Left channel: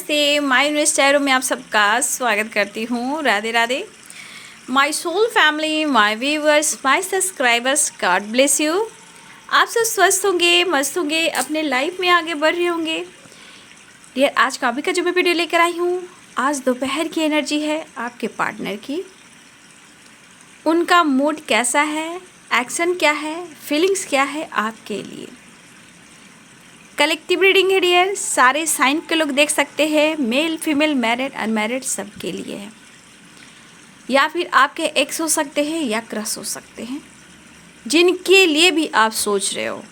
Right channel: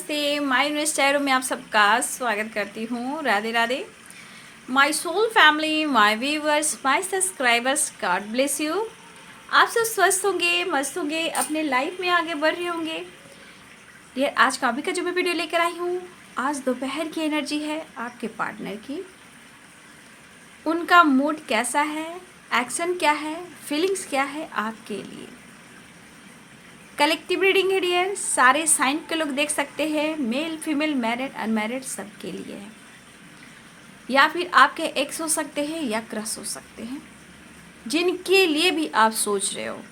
नमस्ते, my universe tarot में आप सबका स्वागत करती हूँ। Radhe Radhe. My soul family, my viewers, my subscribers, God bless you. आप सब स्वस्थ होंगे, मस्त होंगे, अपने लाइफ में आगे बढ़ रहे होंगे। डियर, आज का अभी का जो मैं वीडियो लेकर आई हूँ, आज दोपहर की एनर्जी है आपके पार्टनर की। उनका मूड कैसा है, एक्शन क्या है, फीलिंग्स क्या है आपके लिए। कलेक्टिव रीडिंग है डियर, सारे साइन के लोग देख सकते हैं, मेल फीमेल मैरिड अनमैरिड सबके लिए है। या फिर आपके एक्स हो सकते हैं या क्रश हो सकते हैं, जिनके लिए भी आप सोच रहे हो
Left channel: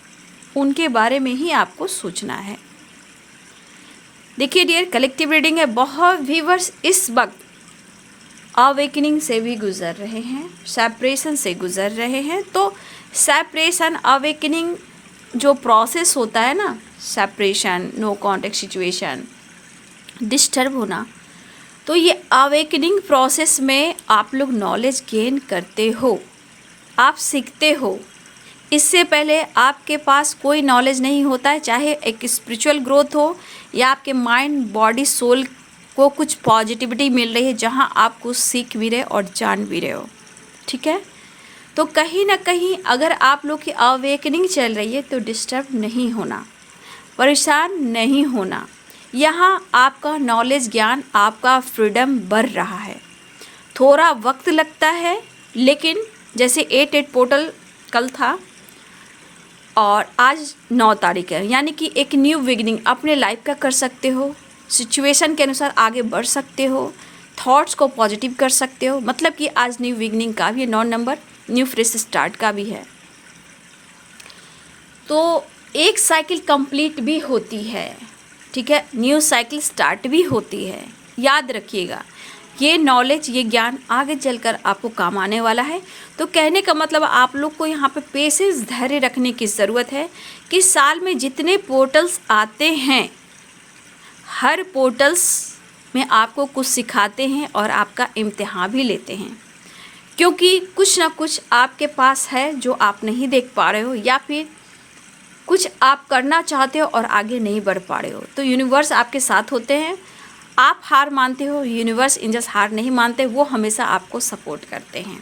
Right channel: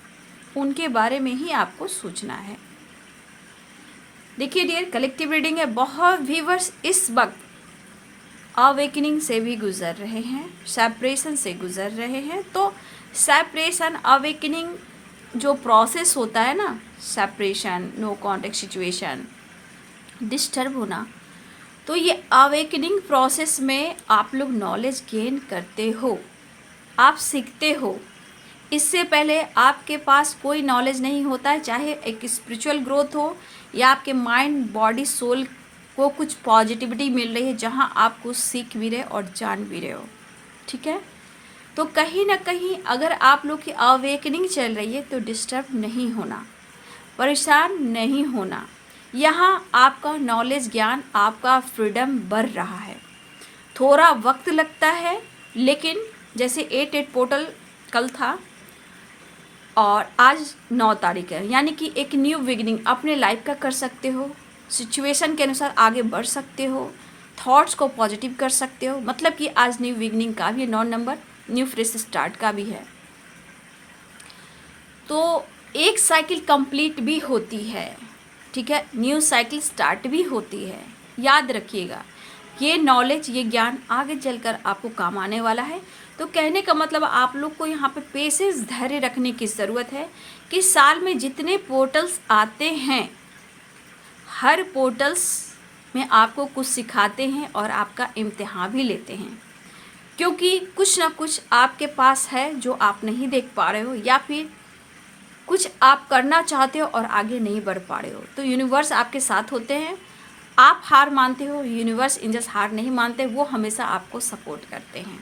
उनके बारे में ही आपको सोचना है। देखिए डियर, कलेक्टिव रीडिंग है। बहुत व्यूअर्स इस वक्त अवेकनिंग से भी गुजर रहे हैं, सेपरेशन से गुजर रहे हैं। तो सेपरेशन अवेकनिंग जो प्रोसेस होता है ना, separation, no contact situation, disturb होना, तो ये अवेकनिंग प्रोसेस में आप लोग नॉलेज गेन करते हो, आप सीखते हो। इससे पहले आपके पास कोई नॉलेज नहीं होता है, चाहे एक स्पिरिचुअल ग्रोथ हो या आपके माइंड बॉडी सोल को कुछ पॉजिटिविटी मिल रही है, जहाँ आप कुछ सीख भी रहे और जान भी रहे हो। ठीक है, तो कहीं ना कहीं अगर आप लोग की अवेकनिंग चल रही है तो डिस्टर्ब नहीं होना, परेशान नहीं होना। यहाँ आपका नॉलेज ज्ञान, आपका फ्रीडम बढ़ रहा है। थोड़ा वक्त लगता है, लेकिन जैसे 8/8 पोर्टल कल था और आज 9 तारीख है, यानी कि एक न्यू बिगिनिंग अपने लाइफ का कर सकते हो। सिचुएशन के अनुसार आगे बढ़ सकते हो, थॉट्स को पॉजिटिव कर सकते हो। मतलब कि आज न्यू बिगिनिंग का भी 9 नंबर न्यू फ्रेश स्टार्ट का भी है। तो एक साइकिल कंप्लीट भी होती है, ठीक है, न्यू साइकिल स्टार्ट भी होती है। याद रखिएगा, ये नॉलेज, ये ज्ञान आगे चलकर आपको काम आने वाला है। तो कहने का मतलब आप लोग को यहाँ पे पेशेंस, धैर्य रखने की ज़रूरत है कि साल में जितने पोर्टल्स आते हैं, हर पोर्टल्स में आपको कुछ सिखाते हैं और आपका इम्तिहान भी लेते हैं। क्योंकि कुछ ना कुछ आपके पास है जो आप नहीं देख पा रहे हो, या फिर कुछ आप करना चाहते हो और आगे नहीं बढ़ पा रहे हो। तो यूनिवर्स आपके साथ होते हैं। आप हार मानते हो, यूनिवर्स इंजस हार नहीं मानते, वो हमेशा आपको सपोर्ट करते हैं।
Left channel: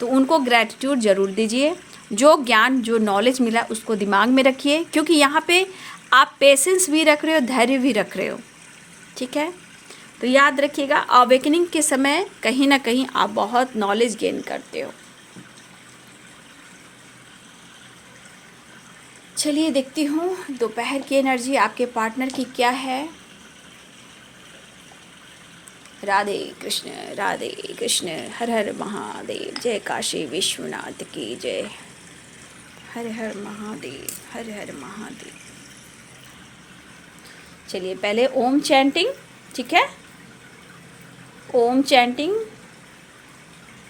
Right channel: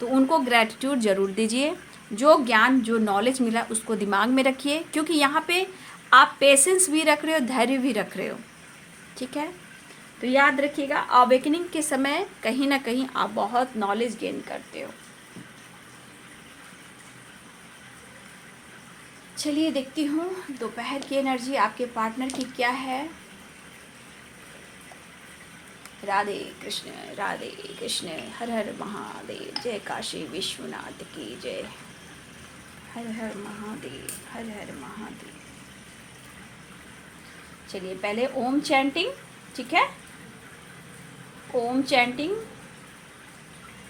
तो उनको ग्रैटिट्यूड ज़रूर दीजिए। जो ज्ञान, जो नॉलेज मिला उसको दिमाग में रखिए, क्योंकि यहाँ पे आप पेशेंस भी रख रहे हो, धैर्य भी रख रहे हो। ठीक है, तो याद रखिएगा, अवेकनिंग के समय कहीं ना कहीं आप बहुत नॉलेज गेन करते हो। चलिए देखती हूँ दोपहर की एनर्जी आपके पार्टनर की क्या है। राधे कृष्ण, हर हर महादेव, जय काशी विश्वनाथ की जय। हर हर महादेव, हर हर महादेव। चलिए पहले ओम चैंटिंग, ठीक है, ओम चैंटिंग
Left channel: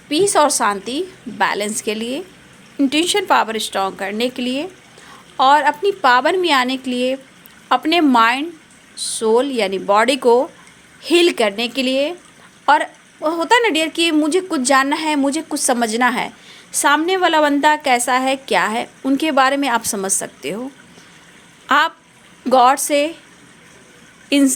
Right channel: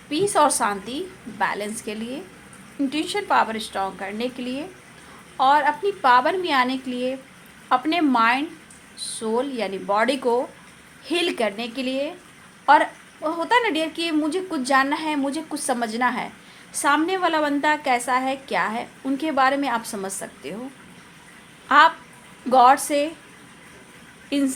पीस और शांति, बैलेंस के लिए, इंट्यूशन पावर स्ट्रॉन्ग करने के लिए और अपनी पावर में आने के लिए, अपने माइंड सोल यानी बॉडी को हील करने के लिए। और वो होता है ना डियर कि मुझे कुछ जानना है, मुझे कुछ समझना है, सामने वाला बंदा कैसा है, क्या है, उनके बारे में आप समझ सकते हो। आप गॉड से, इन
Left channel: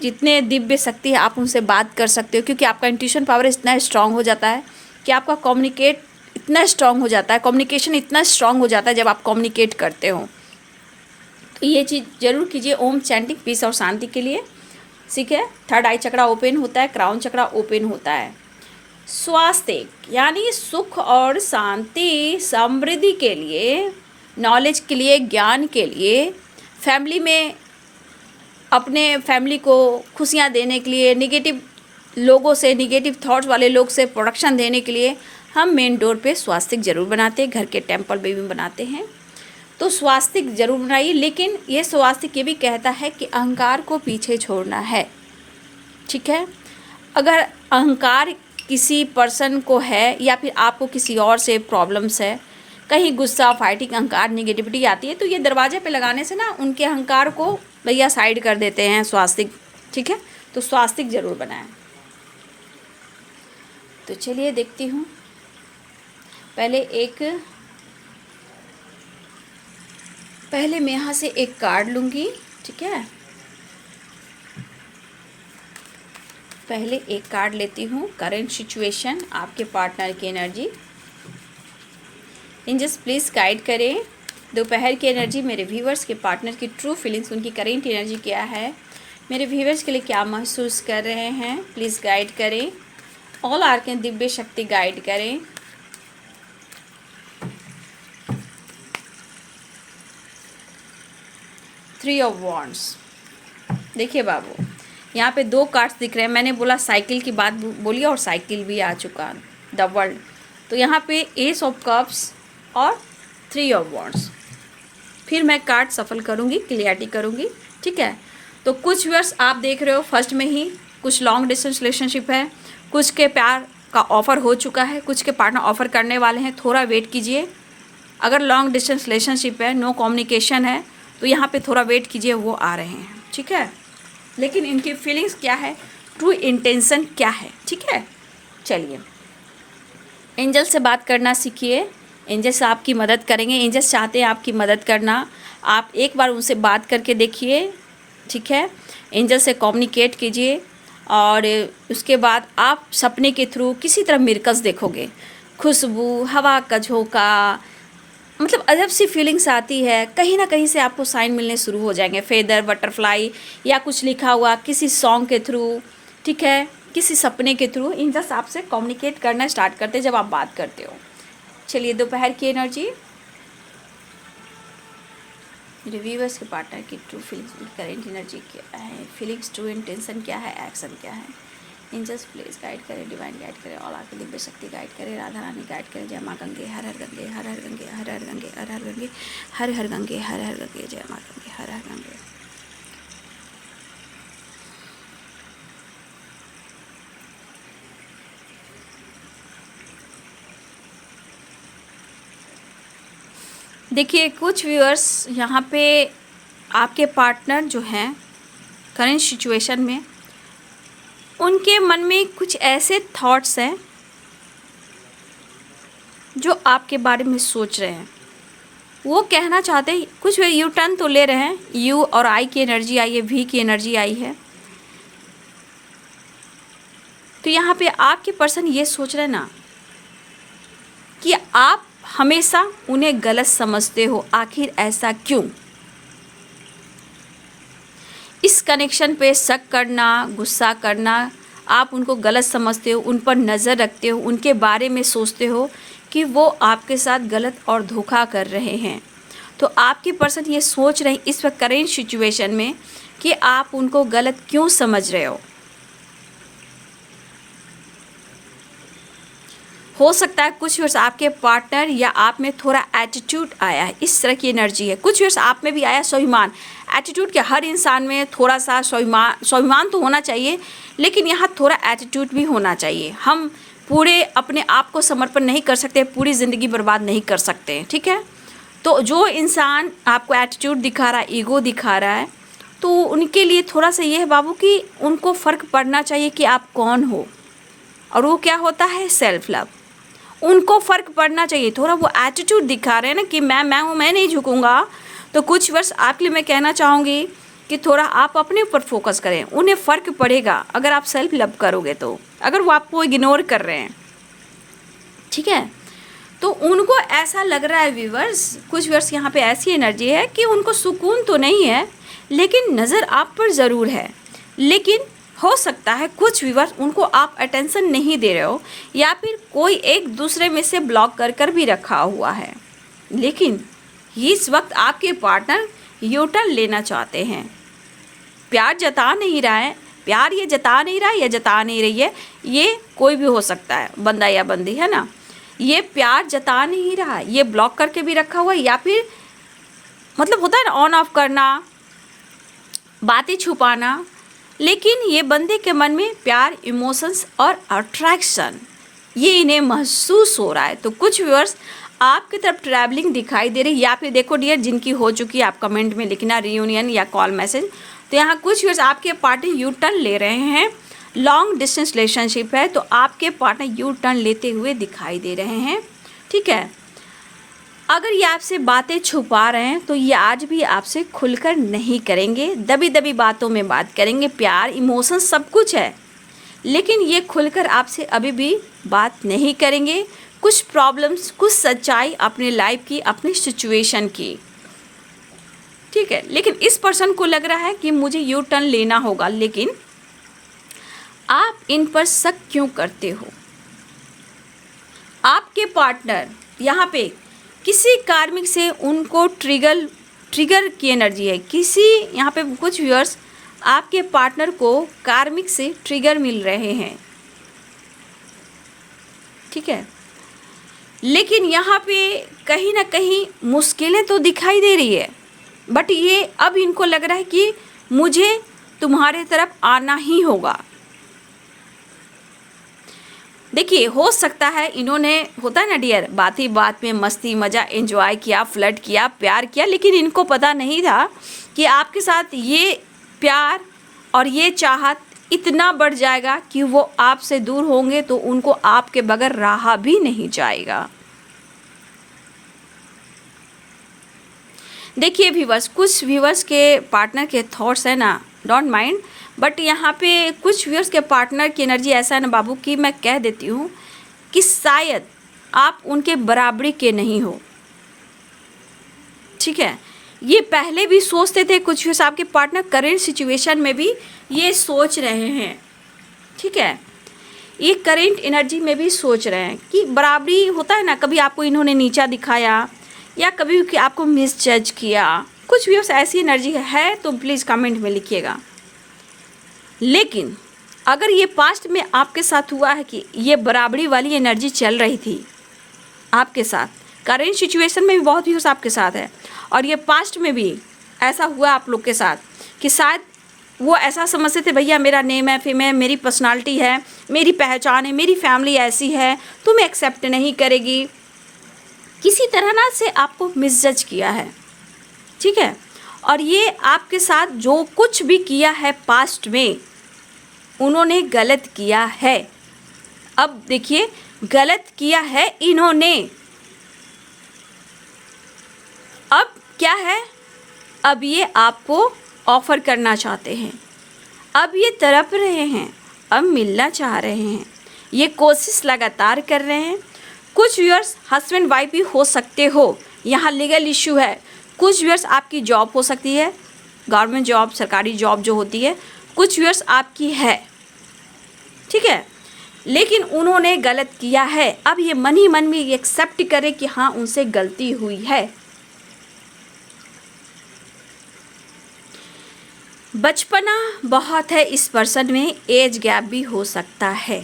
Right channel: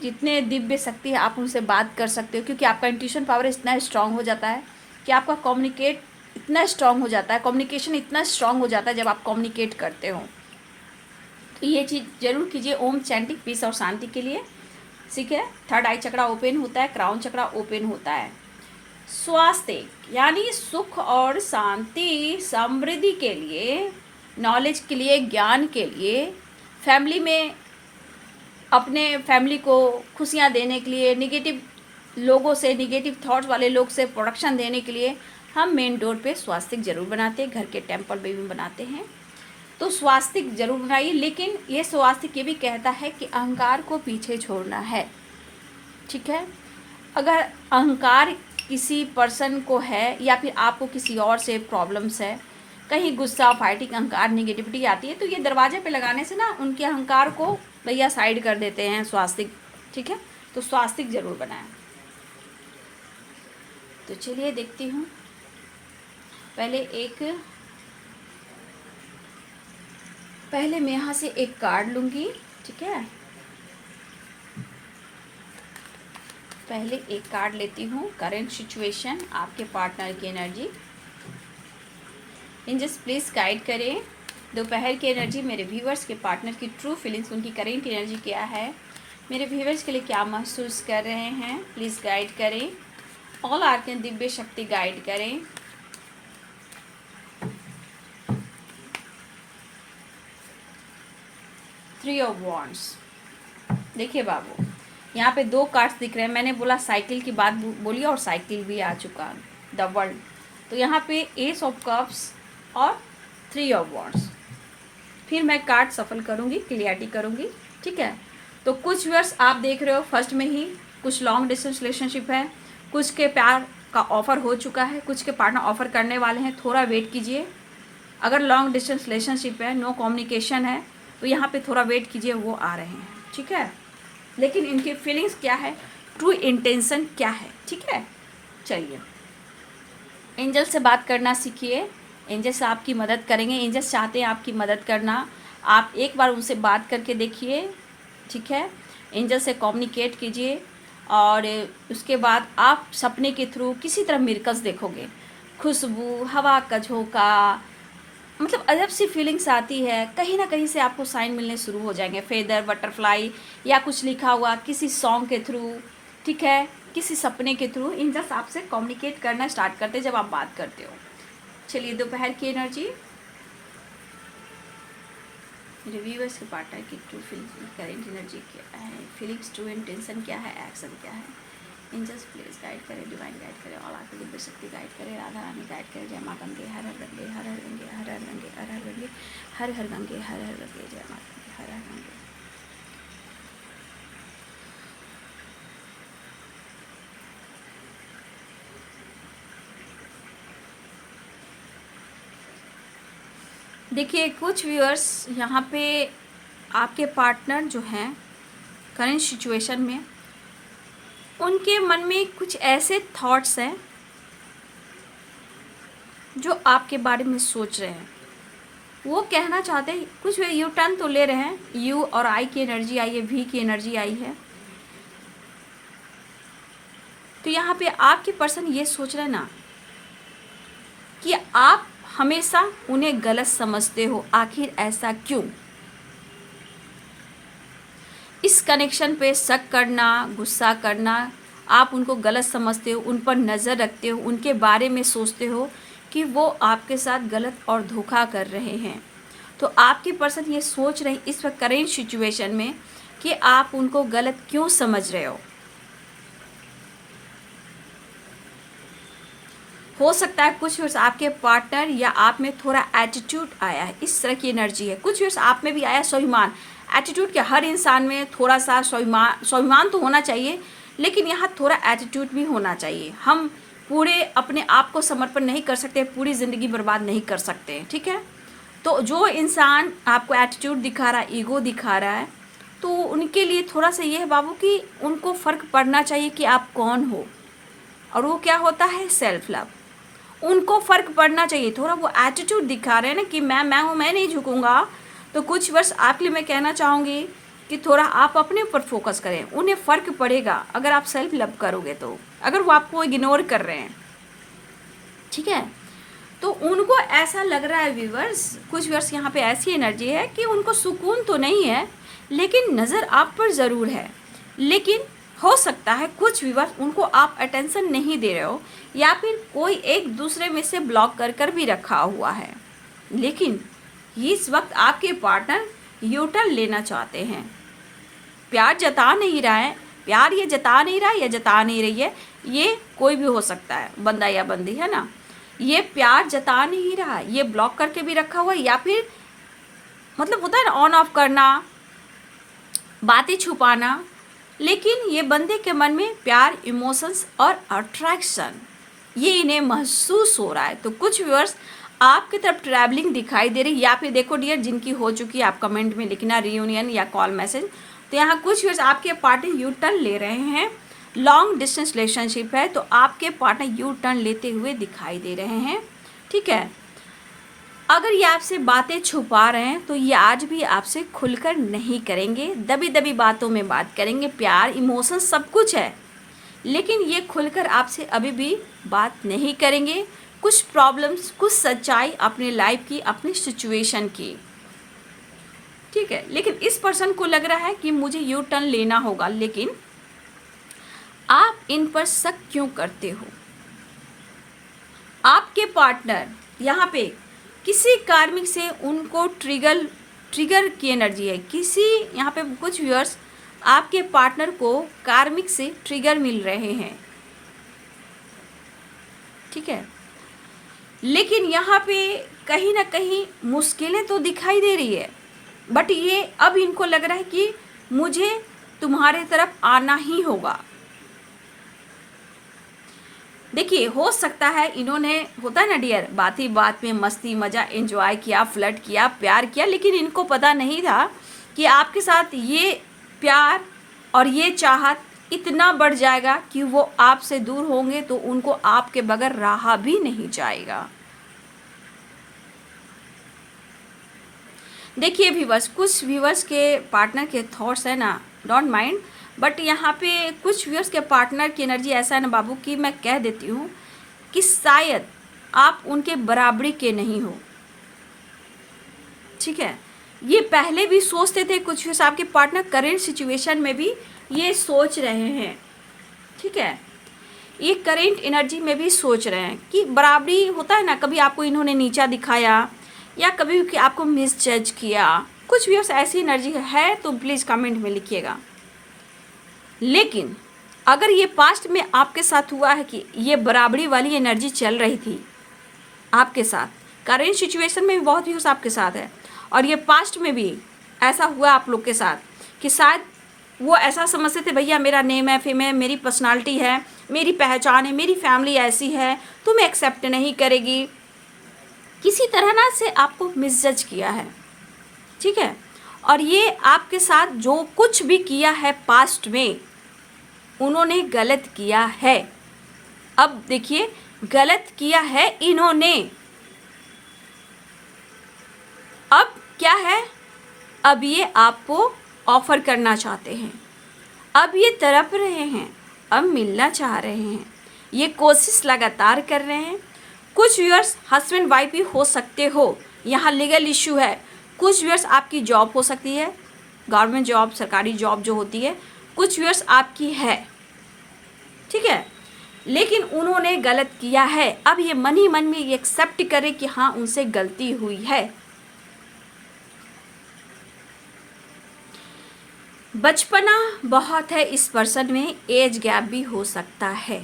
जितने दिव्य शक्ति है आप उनसे बात कर सकते हो, क्योंकि आपका इंट्यूशन पावर इतना स्ट्रांग हो जाता है कि आपका कम्युनिकेट इतना स्ट्रांग हो जाता है, कम्युनिकेशन इतना स्ट्रांग हो जाता है जब आप कम्युनिकेट करते हो। तो ये चीज़ ज़रूर कीजिए ओम चैंटिंग पीस और शांति के लिए। ठीक है, थर्ड आई चक्रा ओपन होता है, क्राउन चक्रा ओपन होता है। स्वास्थ्य यानी सुख और शांति, समृद्धि के लिए, नॉलेज के लिए, ज्ञान के लिए, फैमिली में अपने फैमिली को खुशियाँ देने के लिए, नेगेटिव लोगों से, नेगेटिव थॉट्स वाले लोग से प्रोटेक्शन देने के लिए हम मेन डोर पे स्वास्तिक जरूर बनाते हैं, घर के टेम्पल में भी बनाते हैं। तो स्वास्तिक जरूर बनाइए, लेकिन ये स्वास्तिक ये भी कहता है कि अहंकार को पीछे छोड़ना है। ठीक है, अगर अहंकार किसी पर्सन को है या फिर आपको किसी और से प्रॉब्लम्स है, कहीं गुस्सा, फाइटिंग, अहंकार, निगेटिविटी आती है, तो ये दरवाजे पे लगाने से ना उनके अहंकार को भैया साइड कर देते हैं स्वास्तिक। ठीक है, तो स्वास्तिक जरूर बनाएं। तो चलिए देखती हूँ, पहले मैं यहाँ से एक कार्ड लूँगी। ठीक है, पहले एक कार्ड लेती हूँ, करंट सिचुएशन, आपके पार्टनर की एनर्जी। एंजल्स प्लीज़ गाइड करें दोपहर की एनर्जी, मेरे व्यूवर्स के पार्टनर की ट्रू फीलिंग्स, उनकी करंट एनर्जी क्या है, मेरे व्यूवर्स के लिए क्या महसूस कर रहे हैं, प्लीज़ गाइड करें। ऑल आर्कन दिव्य शक्ति गाइड करें। Three of wands. देखिए बाबू, यहाँ पे 2 कार्ड्स दिख रहे हैं। मैंने बोला साइकिल की बात बोली और साइकिल भी आ चुका, द वर्ल्ड। तो यहाँ पे एस ऑफ कप्स और 3 ऑफ वॉन्ड्स। फिर मैं कार्ड सफल करूँगी, क्लियरिटी करूँगी, ठीक है। तो कुछ व्यूअर्स आप देख रहे हो फर्स्ट में ही कुछ लॉन्ग डिस्टेंस रिलेशनशिप है, कुछ के प्यार का ऑफ़र हो चुका है, कुछ के पार्टनर ऑफ़र करने वाले हैं, थोड़ा वेट कीजिए। अगर लॉन्ग डिस्टेंस रिलेशनशिप है, नो कम्युनिकेशन है, तो यहाँ पे थोड़ा वेट कीजिए, वो आ रहे हैं, ठीक है। लेकिन इनकी फीलिंग्स क्या है, ट्रू इंटेंशन क्या है, ठीक है। चलिए, एंजल से बात करना सीखिए, एंजल्स आपकी मदद करेंगे। एंजल्स चाहते हैं आपकी मदद करना, आप एक बार उनसे बात करके देखिए, ठीक है। एंजल से कम्युनिकेट कीजिए और उसके बाद आप सपने के थ्रू किसी तरह मिरकल्स देखोगे, खुशबू, हवा का झोंका, मतलब अजब सी फीलिंग्स आती है, कहीं ना कहीं से आपको साइन मिलने शुरू हो जाएंगे, फेदर, बटरफ्लाई या कुछ लिखा हुआ किसी सॉन्ग के थ्रू, ठीक है, किसी सपने के थ्रू एंजल्स आपसे कम्युनिकेट करना स्टार्ट करते हैं जब आप बात करते हो। चलिए, दोपहर की एनर्जी, रिव्यूअर्स के पार्टनर की ट्रू फीलिंग्स, करेंट एनर्जी क्या है, फीलिंग्स, ट्रू इंटेंशन क्या है, एक्शन क्या है। एंजल्स प्लीज गाइड करें, डिवाइन गाइड करें, ऑल आके दिव्य शक्ति गाइड करें, राधा रानी गाइड करें। जय माँ गंगे, हर हर गंगे, हर हर गंगे, हर हर गंगे, हर हर गंगे, हर हर गंगे, हर हर गंगे, जय माँ गंगे, हर हर गंगे। देखिए, कुछ व्यूअर्स यहाँ पे आपके पार्टनर जो हैं करंट सिचुएशन में, उनके मन में कुछ ऐसे थॉट्स हैं जो आपके बारे में सोच रहे हैं, वो कहना चाहते हैं, कुछ यू टर्न तो ले रहे हैं, यू और आई की एनर्जी आई है, वी की एनर्जी आई है। तो यहाँ पे आपके पर्सन ये सोच रहे हैं ना कि आप हमेशा उन्हें गलत समझते हो, आखिर ऐसा क्यों। इस कनेक्शन पे शक करना, गुस्सा करना, आप उनको गलत समझते हो, उन पर नज़र रखते हो, उनके बारे में सोचते हो कि वो आपके साथ गलत और धोखा कर रहे हैं। तो आपके पर्सन ये सोच रहे इस वक्त करेंट सिचुएशन में कि आप उनको गलत क्यों समझ रहे हो सकता है कुछ वर्ष आपके पार्टनर या आप में थोड़ा एटीट्यूड आया है, इस तरह की एनर्जी है। कुछ वर्ष आप में भी आया स्वाभिमान, एटीट्यूड के हर इंसान में थोड़ा सा स्वाभिमान तो होना चाहिए, लेकिन यहाँ थोड़ा एटीट्यूड भी होना चाहिए। हम पूरे अपने आप को समर्पण नहीं कर सकते, पूरी ज़िंदगी बर्बाद नहीं कर सकते, ठीक है। तो जो इंसान आपको एटीट्यूड दिखा रहा है, ईगो दिखा रहा है, तो उनके लिए थोड़ा सा ये है बाबू कि उनको फ़र्क पड़ना चाहिए कि आप कौन हो, और वो क्या होता है, सेल्फ लव। उनको फ़र्क पड़ना चाहिए, थोड़ा वो एटीट्यूड दिखा रहे हैं ना कि मैं हूँ, मैं नहीं झुकूंगा। तो कुछ वर्ष आपके लिए मैं कहना चाहूँगी कि थोड़ा आप अपने ऊपर फोकस करें, उन्हें फ़र्क पड़ेगा अगर आप सेल्फ लव करोगे। तो अगर वो आपको इग्नोर कर रहे हैं, ठीक है, तो उनको ऐसा लग रहा है व्यूवर्स, कुछ वर्ष यहाँ पे ऐसी एनर्जी है कि उनको सुकून तो नहीं है, लेकिन नज़र आप पर ज़रूर है। लेकिन हो सकता है कुछ व्यूअर्स उनको आप अटेंशन नहीं दे रहे हो, या फिर कोई एक दूसरे में से ब्लॉक कर भी रखा हुआ है। लेकिन इस वक्त आपके पार्टनर यू टर्न लेना चाहते हैं, प्यार जता नहीं रहा है, प्यार ये जता नहीं रहा है या जता नहीं रही है, ये कोई भी हो सकता है, बंदा या बंदी, है ना। ये प्यार जता नहीं रहा है, ये ब्लॉक करके भी रखा हुआ है, या फिर मतलब होता है ना ऑन ऑफ करना, बातें छुपाना। लेकिन ये बंदे के मन में प्यार, इमोशंस और अट्रैक्शन, ये इन्हें महसूस हो रहा है। तो कुछ व्यूअर्स आपकी तरफ ट्रैवलिंग दिखाई दे रही है, या फिर देखो डियर, जिनकी हो चुकी है आप कमेंट में लिखना, रियूनियन या कॉल मैसेज। तो यहाँ कुछ व्यूअर्स आपके पार्टनर यू टर्न ले रहे हैं, लॉन्ग डिस्टेंस रिलेशनशिप है, तो आपके पार्टनर यू टर्न लेते हुए दिखाई दे रहे हैं, ठीक है। अगर ये आपसे बातें छुपा रहे हैं तो ये आज भी आपसे खुलकर नहीं करेंगे, दबी दबी बातों में बात करेंगे। प्यार, इमोशन सब कुछ है, लेकिन ये खुलकर आपसे अभी भी बात नहीं करेंगे। कुछ प्रॉब्लम्स, कुछ सच्चाई अपने लाइफ की, अपनी सिचुएशन की, ठीक है। लेकिन इस पर्सन को लग रहा है कि मुझे यू टर्न लेना होगा, लेकिन आप इन पर शक क्यों करते हो? आपके पार्टनर यहाँ पे किसी कार्मिक से उनको ट्रिगर की एनर्जी है। किसी यहाँ पे कुछ व्यूअर्स आपके पार्टनर को कार्मिक से ट्रिगर मिल रहे हैं, ठीक है। लेकिन यहाँ पे कहीं ना कहीं मुश्किलें तो दिखाई दे रही है, बट ये अब इनको लग रहा है कि मुझे तुम्हारे तरफ आना ही होगा। देखिए, हो सकता है इन्होंने, होता है ना डियर, बात ही बात में मस्ती मज़ा एंजॉय किया, फ्लर्ट किया, प्यार किया, लेकिन इनको पता नहीं था कि आपके साथ ये प्यार और ये चाहत इतना बढ़ जाएगा कि वो आपसे दूर होंगे तो उनको आपके बगैर रहा भी नहीं जाएगा। देखिए व्यूअर्स, कुछ व्यूअर्स के पार्टनर के थॉट्स है ना, डोंट माइंड, बट यहाँ पे कुछ व्यूअर्स के पार्टनर की एनर्जी ऐसा है ना बाबू कि मैं कह देती हूँ कि शायद आप उनके बराबरी के नहीं हो, ठीक है। ये पहले भी सोचते थे, कुछ व्यूअर्स आपके पार्टनर करेंट सिचुएशन में भी ये सोच रहे हैं, ठीक है। ये करेंट एनर्जी में भी सोच रहे हैं कि बराबरी, होता है ना, कभी आपको इन्होंने नीचा दिखाया या कभी कि आपको मिसजज किया, कुछ भी ऐसी एनर्जी है तो प्लीज़ कमेंट में लिखिएगा। लेकिन अगर ये पास्ट में आपके साथ हुआ है कि ये बराबरी वाली एनर्जी चल रही थी आपके साथ, करेंट सिचुएशन में भी बहुत व्यूअर्स आपके साथ है, और ये पास्ट में भी ऐसा हुआ आप लोग के साथ कि शायद वो ऐसा समझते थे भैया मेरा नेम है, फिर मेरी पर्सनालिटी है, मेरी पहचान है, मेरी फैमिली ऐसी है, तुम्हें एक्सेप्ट नहीं करेगी, किसी तरह ना से आपको मिसजज किया है, ठीक है। और ये आपके साथ जो कुछ भी किया है पास्ट में, उन्होंने गलत किया है। अब देखिए, गलत किया है इन्होंने, अब क्या है, अब ये आपको ऑफर करना चाहते हैं, अब ये तड़प रहे हैं, अब मिलना चाह रहे हैं, ये कोशिश लगातार कर रहे हैं। कुछ व्यूअर्स हस्बैंड वाइफ भी हो सकते हो, यहाँ लीगल इश्यू है। कुछ व्यूअर्स आपकी जॉब हो सकती है, गवर्नमेंट जॉब, सरकारी जॉब जो होती है, कुछ व्यूअर्स आपकी है, ठीक है। लेकिन उन्होंने गलत किया है, अब ये मन ही मन में ये एक्सेप्ट करे कि हाँ उनसे गलती हुई है। बचपना बहुत है इस पर्सन में, एज गैप भी हो सकता है।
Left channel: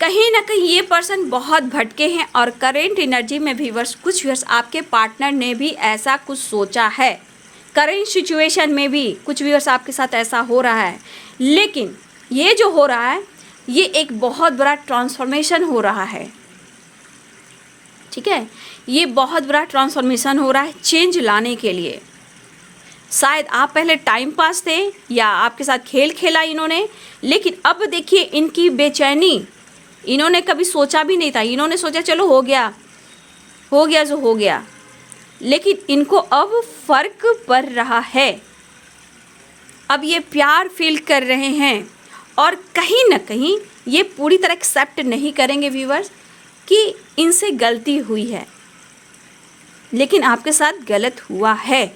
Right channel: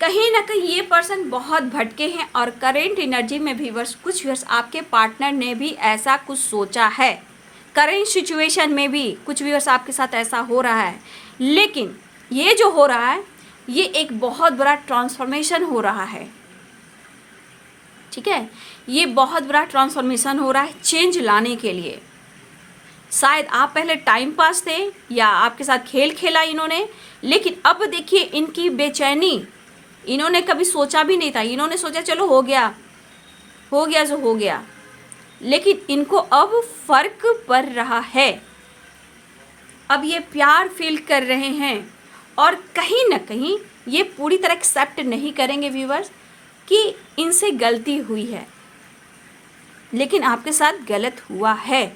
कहीं ना कहीं ये पर्सन बहुत भटके हैं, और करेंट एनर्जी में भी कुछ व्यूअर्स आपके पार्टनर ने भी ऐसा कुछ सोचा है। करेंट सिचुएशन में भी कुछ व्यूअर्स आपके साथ ऐसा हो रहा है, लेकिन ये जो हो रहा है ये एक बहुत बड़ा ट्रांसफॉर्मेशन हो रहा है, ठीक है। ये बहुत बड़ा ट्रांसफॉर्मेशन हो रहा है चेंज लाने के लिए। शायद आप पहले टाइम पास थे या आपके साथ खेल खेला इन्होंने, लेकिन अब देखिए इनकी बेचैनी, इन्होंने कभी सोचा भी नहीं था, इन्होंने सोचा चलो हो गया जो हो गया, लेकिन इनको अब फर्क पड़ रहा है। अब ये प्यार फील कर रहे हैं, और कहीं ना कहीं ये पूरी तरह एक्सेप्ट नहीं करेंगे व्यूअर्स कि इनसे गलती हुई है, लेकिन आपके साथ गलत हुआ है।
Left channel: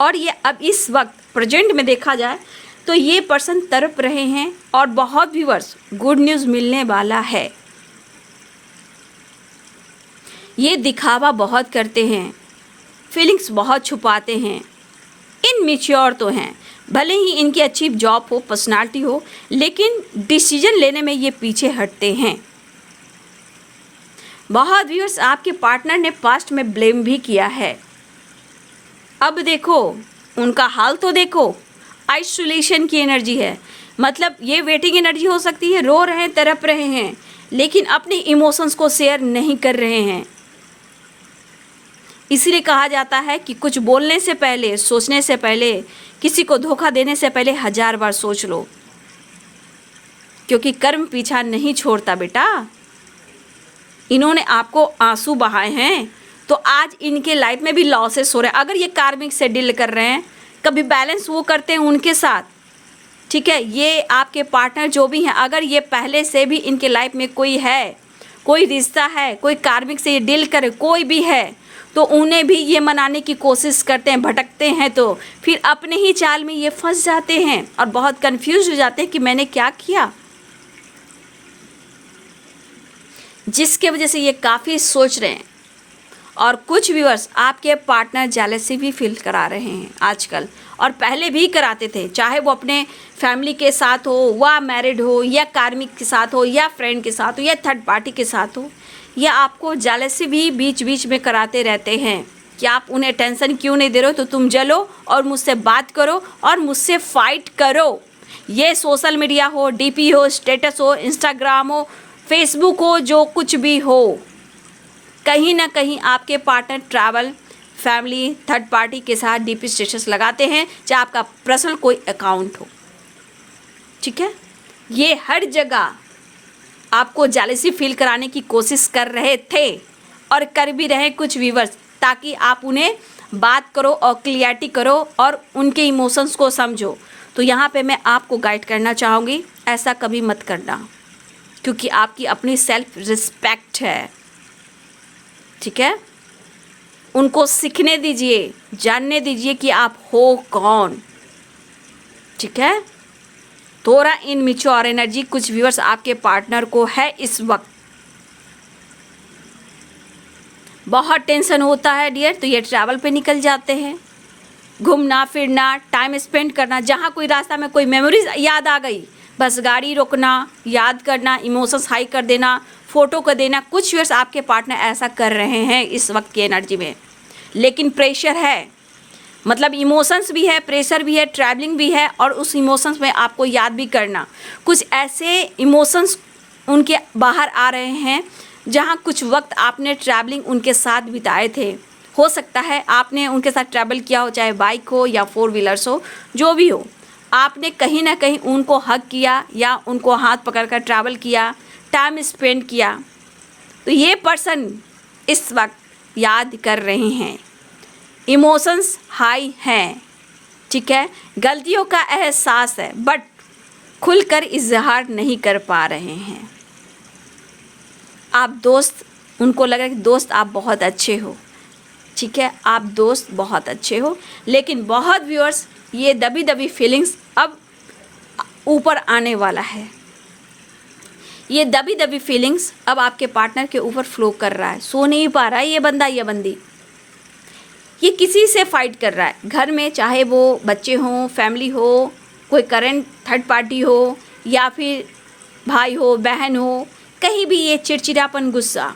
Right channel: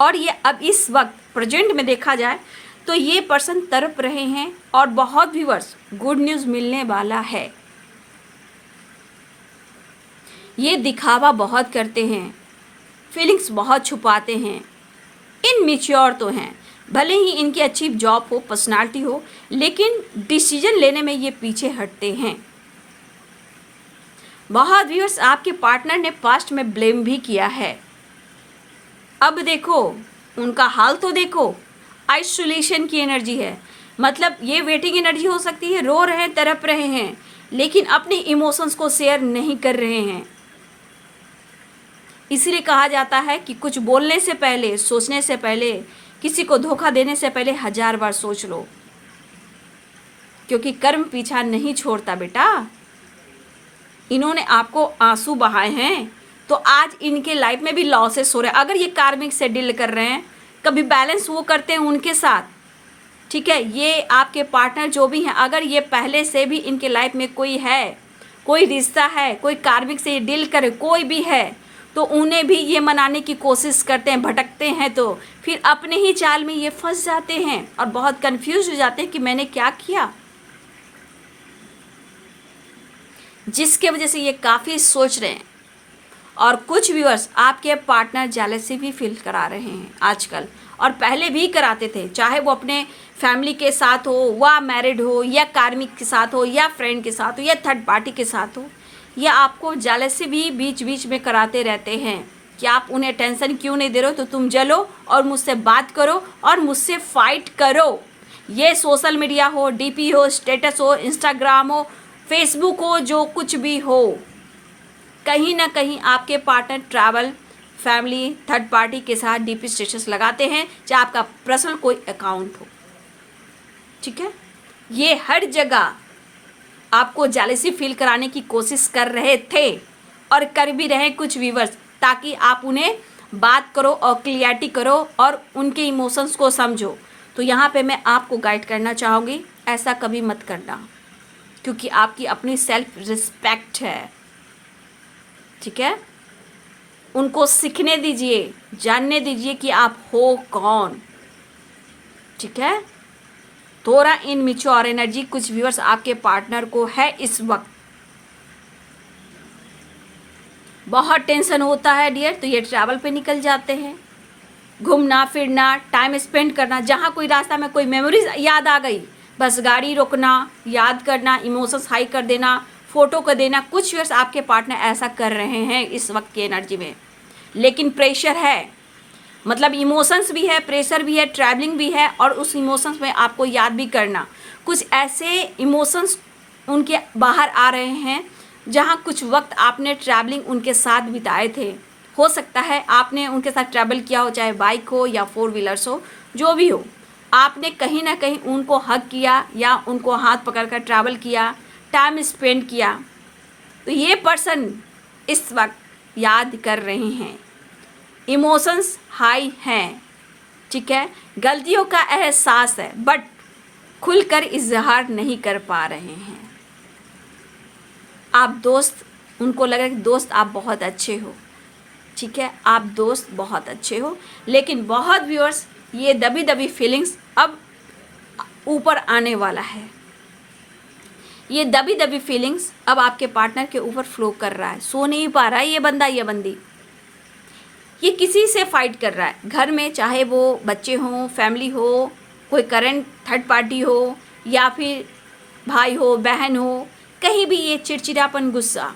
और ये अब इस वक्त प्रेजेंट में देखा जाए तो ये पर्सन तड़प रहे हैं, और बहुत व्यूअर्स गुड न्यूज़ मिलने वाला है। ये दिखावा बहुत करते हैं, फीलिंग्स बहुत छुपाते हैं, इनमेच्योर तो हैं, भले ही इनकी अच्छी जॉब हो, पर्सनालिटी हो, लेकिन डिसीजन लेने में ये पीछे हटते हैं। बहुत व्यूअर्स आपके पार्टनर ने पास्ट में ब्लेम भी किया है। अब देखो उनका हाल तो देखो, आइसोलेशन की एनर्जी है, मतलब ये वेटिंग एनर्जी हो सकती है, रो रहे हैं, तड़प रहे हैं, लेकिन अपने इमोशंस को शेयर नहीं कर रहे हैं। इसीलिए कहा जाता है कि कुछ बोलने से पहले, सोचने से पहले, किसी को धोखा देने से पहले 1000 बार सोच लो, क्योंकि कर्म पीछा नहीं छोड़ता बेटा। इन्होंने आपको आंसू बहाए हैं, तो आज इनके लाइफ में भी लॉसेस हो रहे हैं। अगर ये कार्मिक से डील कर रहे हैं, कभी बैलेंस वो करते हैं उनके साथ, ठीक है। ये आपके पार्टनर जो भी हैं, अगर ये पहले से भी इनके लाइफ में कोई है, कोई रिश्ता है, कोई कार्मिक से ये डील करे, कोई भी है, तो उन्हें भी ये मनाने की कोशिश करते हैं, भटकते हैं, तो फिर अपने ही चाल में ये फंस जाते हैं और बहुत कंफ्यूज हो जाते हैं कि मैंने क्या किया, जिसके वजह से ये काफ़ी सोच रहे हैं। और कुछ व्यूअर्स आपके पार्टनर जेलसी भी फील करा रहे हैं आजकल, और पहले भी कराते थे, चाहे वो अपने फैमिली के साथ हो, वा मैरिड हो, या कार्मिक के साथ हो, या फ्रेंड के साथ हो, या थर्ड पार्टी के साथ हो, या आपको जेलसी भी बीच बीच में कराते रहते हैं कि आप उन्हें टेंशन क्यों नहीं दे रहे हो, तो तुम जलो और मुझसे बात करो और मुझसे फाइट करो। ये सोशल मीडिया हो, डीपी हो, स्टेटस हो, इंस्टाग्राम हो, फेसबुक हो, जो कुछ भी हो, कहीं ना कहीं आपके partner travel, family, third party के साथ डीपी स्टेटस लगाते हैं, चाहे आपका पर्सनल कोई अकाउंट हो। ठीक है, ये हर जगह आपको जेलसी फील कराने की कोशिश कर रहे थे और कर भी रहे कुछ व्यूअर्स, ताकि आप उन्हें बात करो और क्लियरिटी करो और उनके इमोशंस को समझो। तो यहाँ पे मैं आपको गाइड करना चाहूँगी, ऐसा कभी मत करना, क्योंकि आपकी अपनी सेल्फ रिस्पेक्ट है। ठीक है, उनको सीखने दीजिए, जानने दीजिए कि आप हो कौन। ठीक है, थोड़ा इनमेच्योर एनर्जी कुछ व्यूअर्स आपके पार्टनर को है इस वक्त, बहुत टेंशन होता है डियर, तो ये ट्रैवल पे निकल जाते हैं, घूमना फिरना, टाइम स्पेंड करना, जहाँ कोई रास्ता में कोई मेमोरीज याद आ गई, बस गाड़ी रोकना, याद करना, इमोशंस हाई कर देना, फ़ोटो कर देना। कुछ व्यूअर्स आपके पार्टनर ऐसा कर रहे हैं इस वक्त की एनर्जी में, लेकिन प्रेशर है, मतलब इमोशंस भी है, प्रेशर भी है, ट्रैवलिंग भी है, और उस इमोशंस में आपको याद भी करना। कुछ ऐसे इमोशंस उनके बाहर आ रहे हैं जहाँ कुछ वक्त आपने ट्रैवलिंग उनके साथ बिताए थे। हो सकता है आपने उनके साथ ट्रैवल किया हो, चाहे बाइक हो या 4 व्हीलर्स हो, जो भी हो, आपने कहीं ना कहीं उनको हग किया या उनको हाथ पकड़कर ट्रैवल किया, टाइम स्पेंड किया। तो ये पर्सन इस वक्त याद कर रहे हैं, इमोशंस हाई हैं। ठीक है, गलतियों का एहसास है, बट खुलकर इजहार नहीं कर पा रहे हैं। आप दोस्त, उनको लग रहा है कि दोस्त आप बहुत अच्छे हो। ठीक है, आप दोस्त बहुत अच्छे हो, लेकिन बहुत व्यूअर्स ये दबी दबी फीलिंग्स अब ऊपर आने वाला है। ये दबी दबी फीलिंग्स अब आपके पार्टनर के ऊपर फ्लो कर रहा है, सो नहीं पा रहा है ये बंदा, ये बंदी, ये किसी से फाइट कर रहा है घर में, चाहे वो बच्चे हों, फैमिली हो, कोई करंट थर्ड पार्टी हो, या फिर भाई हो, बहन हो, कहीं भी ये चिड़चिड़ापन, गुस्सा,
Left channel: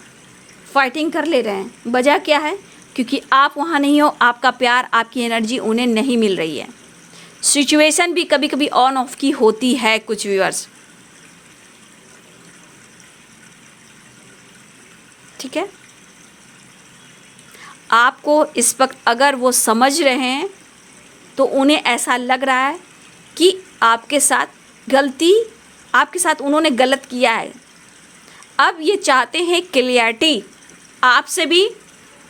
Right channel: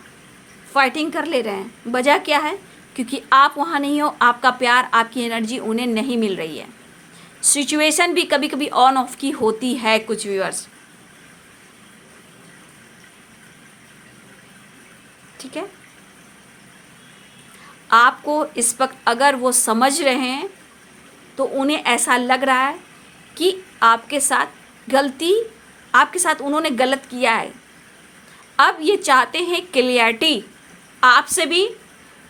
फाइटिंग कर ले रहे हैं। वजह क्या है? क्योंकि आप वहाँ नहीं हो, आपका प्यार, आपकी एनर्जी उन्हें नहीं मिल रही है। सिचुएशन भी कभी कभी ऑन ऑफ की होती है कुछ व्यूअर्स। ठीक है, आपको इस वक्त अगर वो समझ रहे हैं तो उन्हें ऐसा लग रहा है कि आपके साथ गलती, आपके साथ उन्होंने गलत किया है। अब ये चाहते हैं क्लियरिटी आपसे भी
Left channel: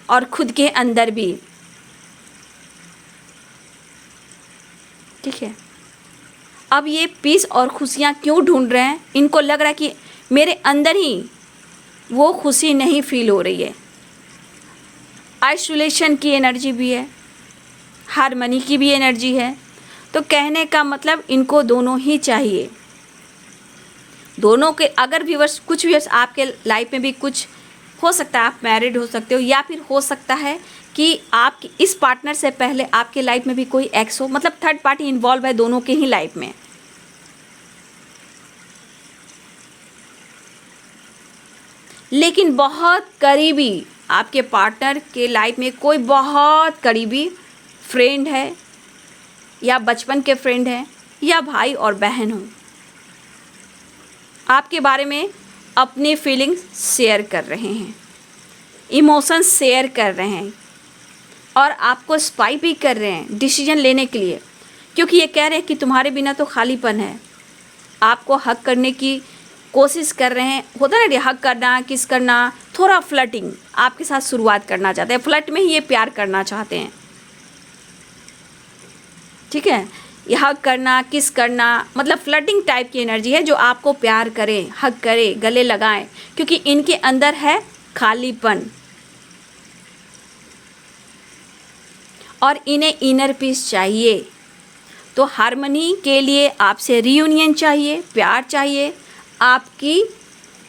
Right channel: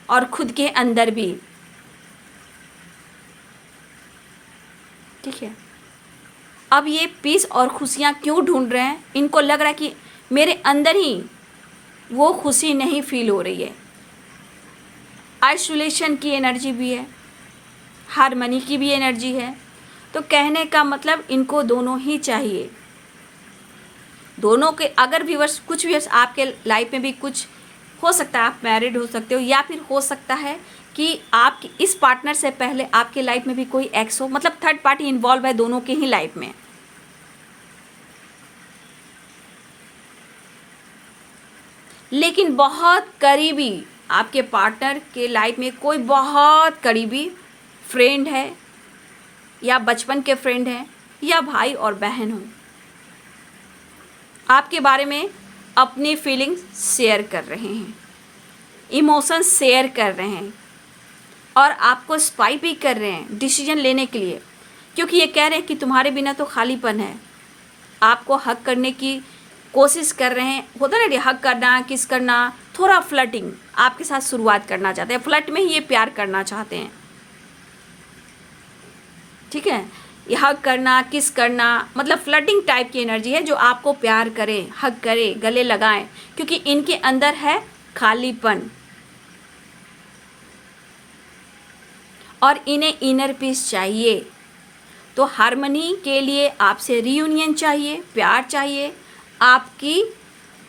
और खुद के अंदर भी। ठीक है, अब ये पीस और खुशियाँ क्यों ढूंढ रहे हैं? इनको लग रहा है कि मेरे अंदर ही वो खुशी नहीं फील हो रही है। आइसोलेशन की एनर्जी भी है, हारमनी की भी एनर्जी है। तो कहने का मतलब इनको दोनों ही चाहिए, दोनों के। अगर व्यूअर्स, कुछ व्यूअर्स आपके लाइफ में भी कुछ हो सकता है, आप मैरिड हो सकते हो, या फिर हो सकता है कि आपके इस पार्टनर से पहले आपके लाइफ में भी कोई एक्स हो, मतलब थर्ड पार्टी इन्वॉल्व है दोनों के ही लाइफ में। लेकिन बहुत करीबी आपके पार्टनर के लाइफ में कोई बहुत करीबी फ्रेंड है, या बचपन के फ्रेंड हैं, या भाई और बहन हो, आपके बारे में अपनी फीलिंग्स शेयर कर रहे हैं, इमोशंस शेयर कर रहे हैं, और आपको स्पाई भी कर रहे हैं डिसीजन लेने के लिए, क्योंकि ये कह रहे हैं कि तुम्हारे बिना तो खालीपन है। आपको हक करने की कोशिश कर रहे हैं, होता है ना, हक करना, किस करना, थोड़ा फ्लर्टिंग आपके साथ शुरुआत करना चाहते हैं, फ्लर्ट में ही ये प्यार करना चाहते हैं। ठीक है, ये हग करना, किस करना, मतलब फ्लर्टिंग टाइप की एनर्जी है, जो आपको प्यार करें, हग करें, गले लगाएं, क्योंकि इनके अंदर है खालीपन और इन्हें इनर पीस चाहिए। तो हार्मनी के लिए आपसे रियूनियन चाहिए, प्यार चाहिए, आपकी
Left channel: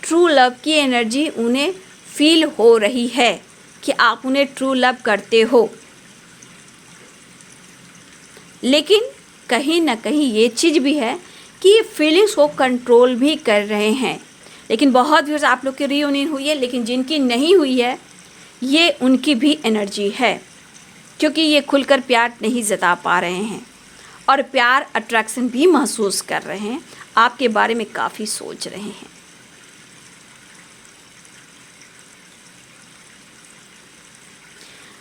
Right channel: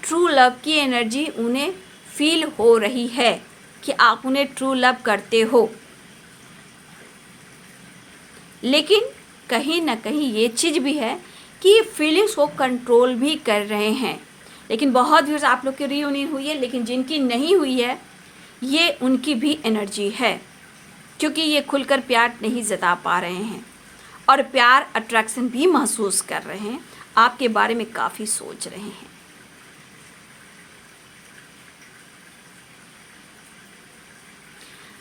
ट्रू लव की एनर्जी उन्हें फील हो रही है कि आप उन्हें ट्रू लव करते हो। लेकिन कहीं ना कहीं ये चीज़ भी है कि ये फीलिंग्स को कंट्रोल भी कर रहे हैं। लेकिन बहुत व्यूअर्स आप लोग की रियूनियन हुई है, लेकिन जिनकी नहीं हुई है ये उनकी भी एनर्जी है, क्योंकि ये खुलकर प्यार नहीं जता पा रहे हैं और प्यार अट्रैक्शन भी महसूस कर रहे हैं, आपके बारे में काफ़ी सोच रहे हैं।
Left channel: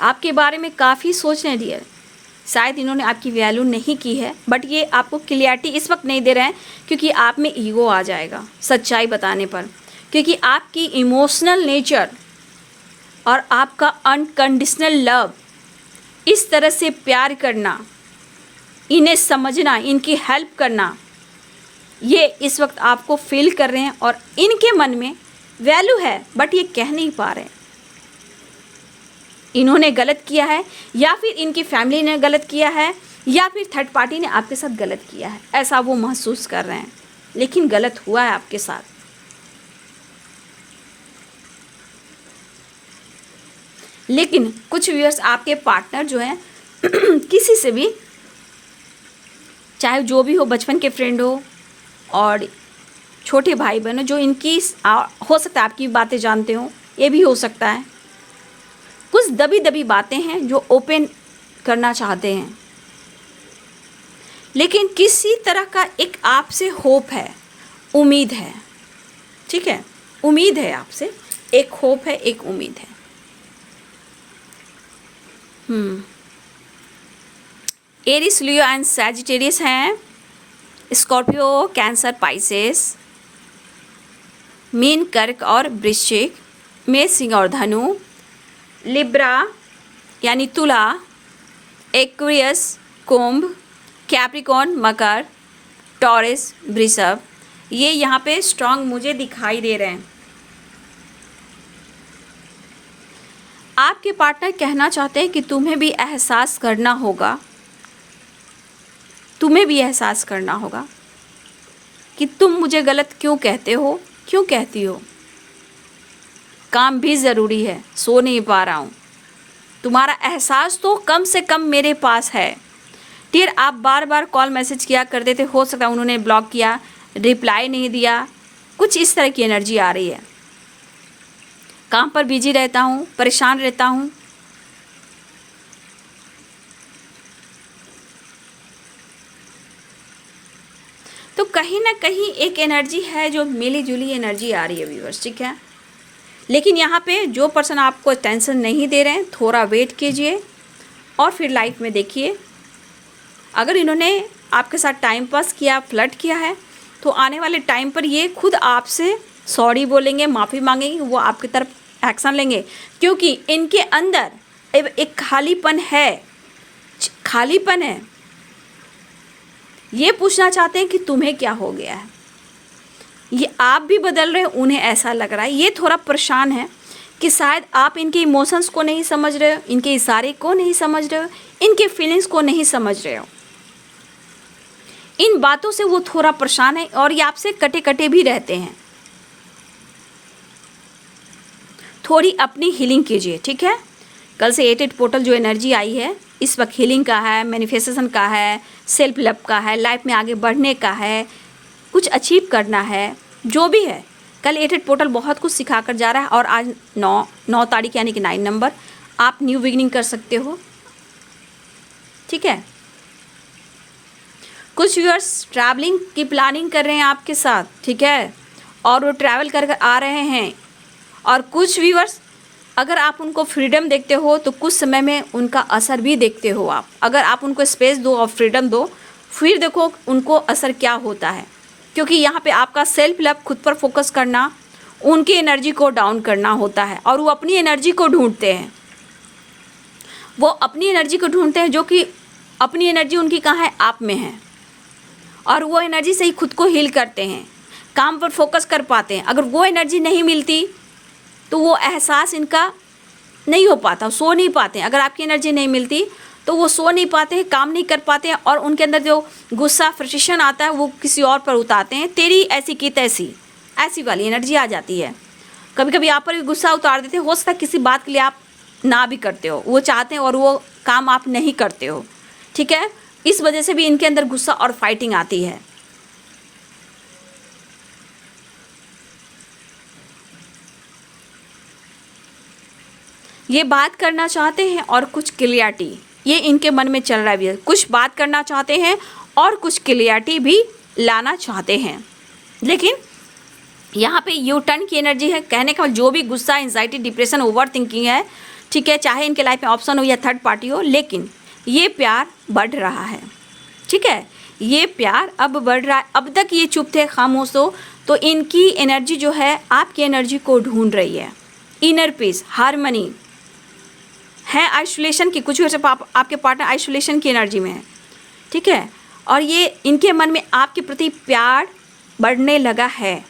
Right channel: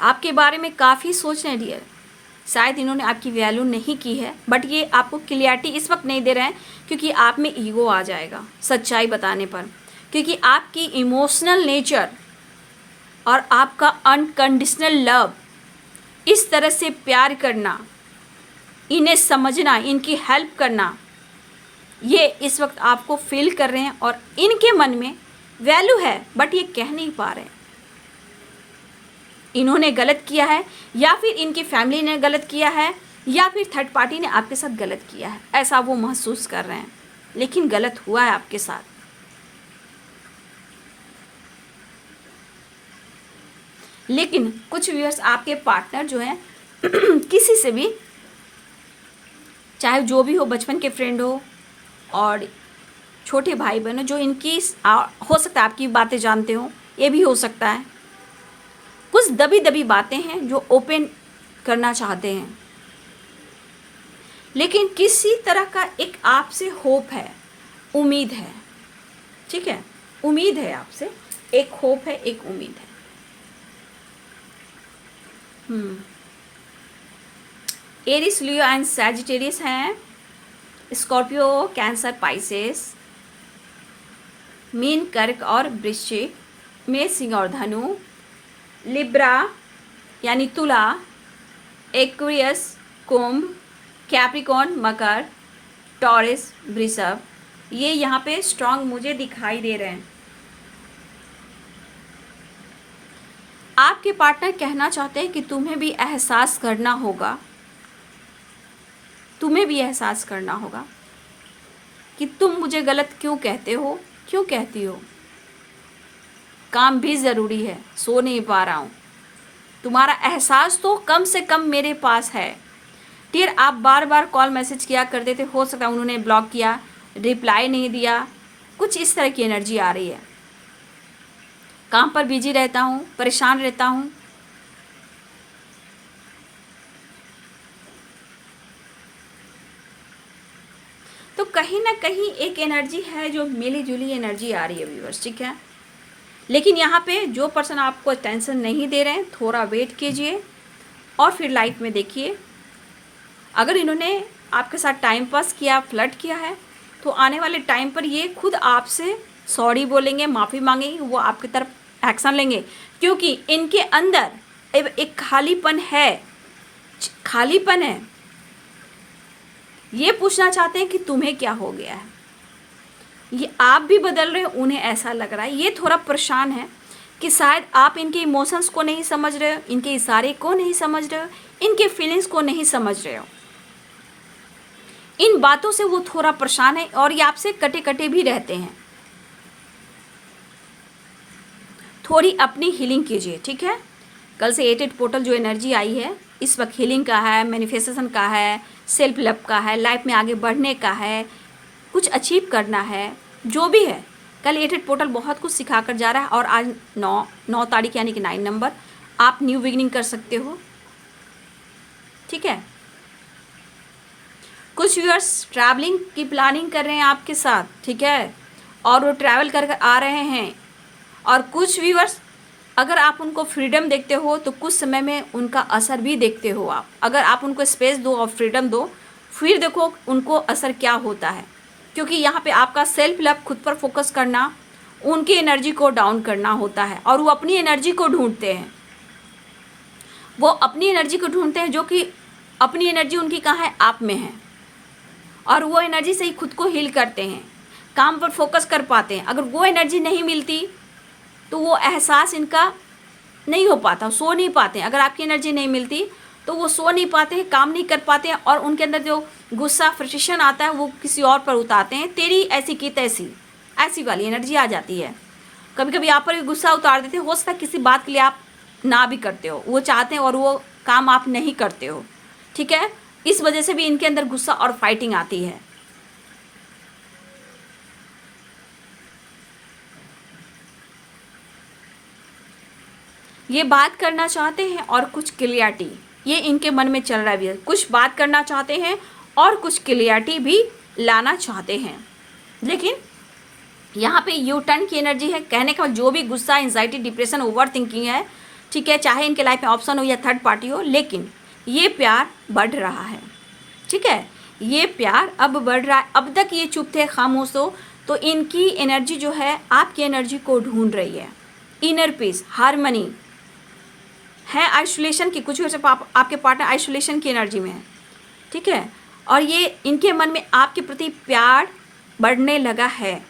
आपके बारे में काफ़ी सोच रहे हैं डियर। शायद इन्होंने आपकी वैल्यू नहीं की है, बट ये आपको क्लियरिटी इस वक्त नहीं दे रहे हैं क्योंकि आप में ईगो आ जाएगा सच्चाई बताने पर, क्योंकि आपकी इमोशनल नेचर और आपका अनकंडीशनल लव, इस तरह से प्यार करना, इन्हें समझना, इनकी हेल्प करना, ये इस वक्त आपको फील कर रहे हैं और इनके मन में वैल्यू है, बट ये कह नहीं पा रहे। इन्होंने गलत किया है या फिर इनकी फैमिली ने गलत किया है या फिर थर्ड पार्टी ने आपके साथ गलत किया है, ऐसा वो महसूस कर रहे हैं, लेकिन गलत हुआ है आपके साथ। लेकिन कुछ व्यूअर्स आपके पार्टनर जो हैं किसी से भी, चाहे जो भी हो, बचपन के फ्रेंड हो और छोटे भाई बहन हो, जो इनकी हो सकता है आपकी बातें जानते हो, ये भी हो सकता है। कुछ दबी दबी बातें हैं जो ओपन करना चाहते हैं, लेकिन किसी तरह का एक आपसे होप है, उम्मीद है, ठीक है, उम्मीद है आपसे, एक होप है, एक उम्मीद है। एरिस, लियो एंड सैजिटेरियस हैं, स्कॉर्पियो, कैंसर, पाइसेस, मीन, कर्क और वृश्चिक, मेष, सिंह और धनु, लिब्रा यानी तुला, एक्वेरियस, कुंभ, कैप्रिकॉर्न, मकर, टॉरस, वृषभ, ये यहाँ पे स्ट्रांग मुझे दिखाई दे रहे हैं। आपके पार्टनर कहना चाहते हैं कि तुम्हें भी एहसास करना होगा, तुम्हें भी एहसास करना होगा कि तुम मुझे गलत क्यों कहते हो, क्यों कहती हो। काम भी ज़रूरी है, सो नहीं पा रहा हूँ, तुम्हारा एहसास तो कम से कम मेरे पास है। डियर, आप बार बार कॉल मैसेज किया करते थे, हो सकता है उन्होंने ब्लॉक किया, रिप्लाई नहीं दिया, कुछ इस तरह की एनर्जी आ रही है। काम पर बिजी रहता हूँ, परेशान रहता हूँ, तो कहीं ना कहीं एक एनर्जी है जो मिली जुली एनर्जी आ रही है व्यूअर्स, ठीक है। लेकिन यहाँ पे जो पर्सन आपको टेंशन नहीं दे रहे हैं, थोड़ा वेट कीजिए और फिर लाइफ में देखिए। अगर इन्होंने आपके साथ टाइम पास किया, फ्लर्ट किया है, तो आने वाले टाइम पर ये खुद आपसे सॉरी बोलेंगे, माफ़ी मांगेंगे, वो आपकी तरफ एक्शन लेंगे, क्योंकि इनके अंदर एक खालीपन है, खालीपन है। ये पूछना चाहते हैं कि तुम्हें क्या हो गया है। ये आप भी बदल रहे हो, उन्हें ऐसा लग रहा है। ये थोड़ा परेशान है कि शायद आप इनके इमोशंस को नहीं समझ रहे हो, इनके इशारे को नहीं समझ रहे हो, इनके फीलिंग्स को नहीं समझ रहे हो। इन बातों से वो थोड़ा परेशान है और ये आपसे कटे कटे भी रहते हैं। थोड़ी अपनी हीलिंग कीजिए, ठीक है। कल से 8 पोर्टल जो एनर्जी आई है, इस वक्त हीलिंग का है, मैनिफेस्टेशन का है, सेल्फ लव का है, लाइफ में आगे बढ़ने का है, कुछ अचीव करना है, जो भी है। कल 8 पोर्टल बहुत कुछ सिखा कर जा रहा है और आज 9 तारीख यानी कि 9 नंबर, आप न्यू बिगिनिंग कर सकते हो, ठीक है। कुछ व्यूअर्स ट्रैवलिंग की प्लानिंग कर रहे हैं आपके साथ, ठीक है, और वो ट्रैवल कर आ रहे हैं। और कुछ व्यूअर्स, अगर आप उनको फ्रीडम देखते हो तो कुछ समय में उनका असर भी देखते हो आप। अगर आप उनको स्पेस दो और फ्रीडम दो, फिर देखो उनको असर क्या होता है, क्योंकि यहाँ पे आपका सेल्फ लव, खुद पर फोकस करना, उनकी एनर्जी को डाउन करना होता है और वो अपनी एनर्जी को ढूंढते हैं। वो अपनी एनर्जी को ढूंढते हैं, जो कि अपनी एनर्जी उनकी कहाँ है, आप में है। और वो एनर्जी से ही खुद को हील करते हैं, काम पर फोकस कर पाते हैं। अगर वो एनर्जी नहीं मिलती तो वो एहसास इनका नहीं हो पाता, सो नहीं पाते हैं। अगर आपकी एनर्जी नहीं मिलती तो वो सो नहीं पाते हैं, काम नहीं कर पाते हैं, और उनके अंदर जो गुस्सा फ्रस्ट्रेशन आता है वो किसी और पर उतारते हैं। तेरी ऐसी की तैसी, ऐसी वाली एनर्जी आ जाती है। कभी कभी आप पर भी गुस्सा उतार देते हैं, हो सकता है किसी बात के लिए आप ना भी करते हो, वो चाहते हैं और वो काम आप नहीं करते हो, ठीक है। इस वजह से भी इनके अंदर गुस्सा और फाइटिंग आती है। ये बात करना चाहते हैं और कुछ क्लियरिटी, ये इनके मन में चल रहा है, कुछ बात करना चाहते हैं और कुछ क्लियरिटी भी लाना चाहते हैं। लेकिन यहाँ पे यू टर्न की एनर्जी है। कहने का जो भी गुस्सा, एंजाइटी, डिप्रेशन, ओवर थिंकिंग है, ठीक है, चाहे इनके लाइफ में ऑप्शन हो या थर्ड पार्टी हो, लेकिन ये प्यार बढ़ रहा है, ठीक है। ये प्यार अब बढ़ रहा है। अब तक ये चुप थे, खामोश तो इनकी एनर्जी जो है आपकी एनर्जी को ढूंढ रही है। इनर पीस, हारमनी है। आइसोलेशन की कुछ वजह से आपके पार्टनर आइसोलेशन की एनर्जी में है, ठीक है। और ये इनके मन में आपके प्रति प्यार बढ़ने लगा है।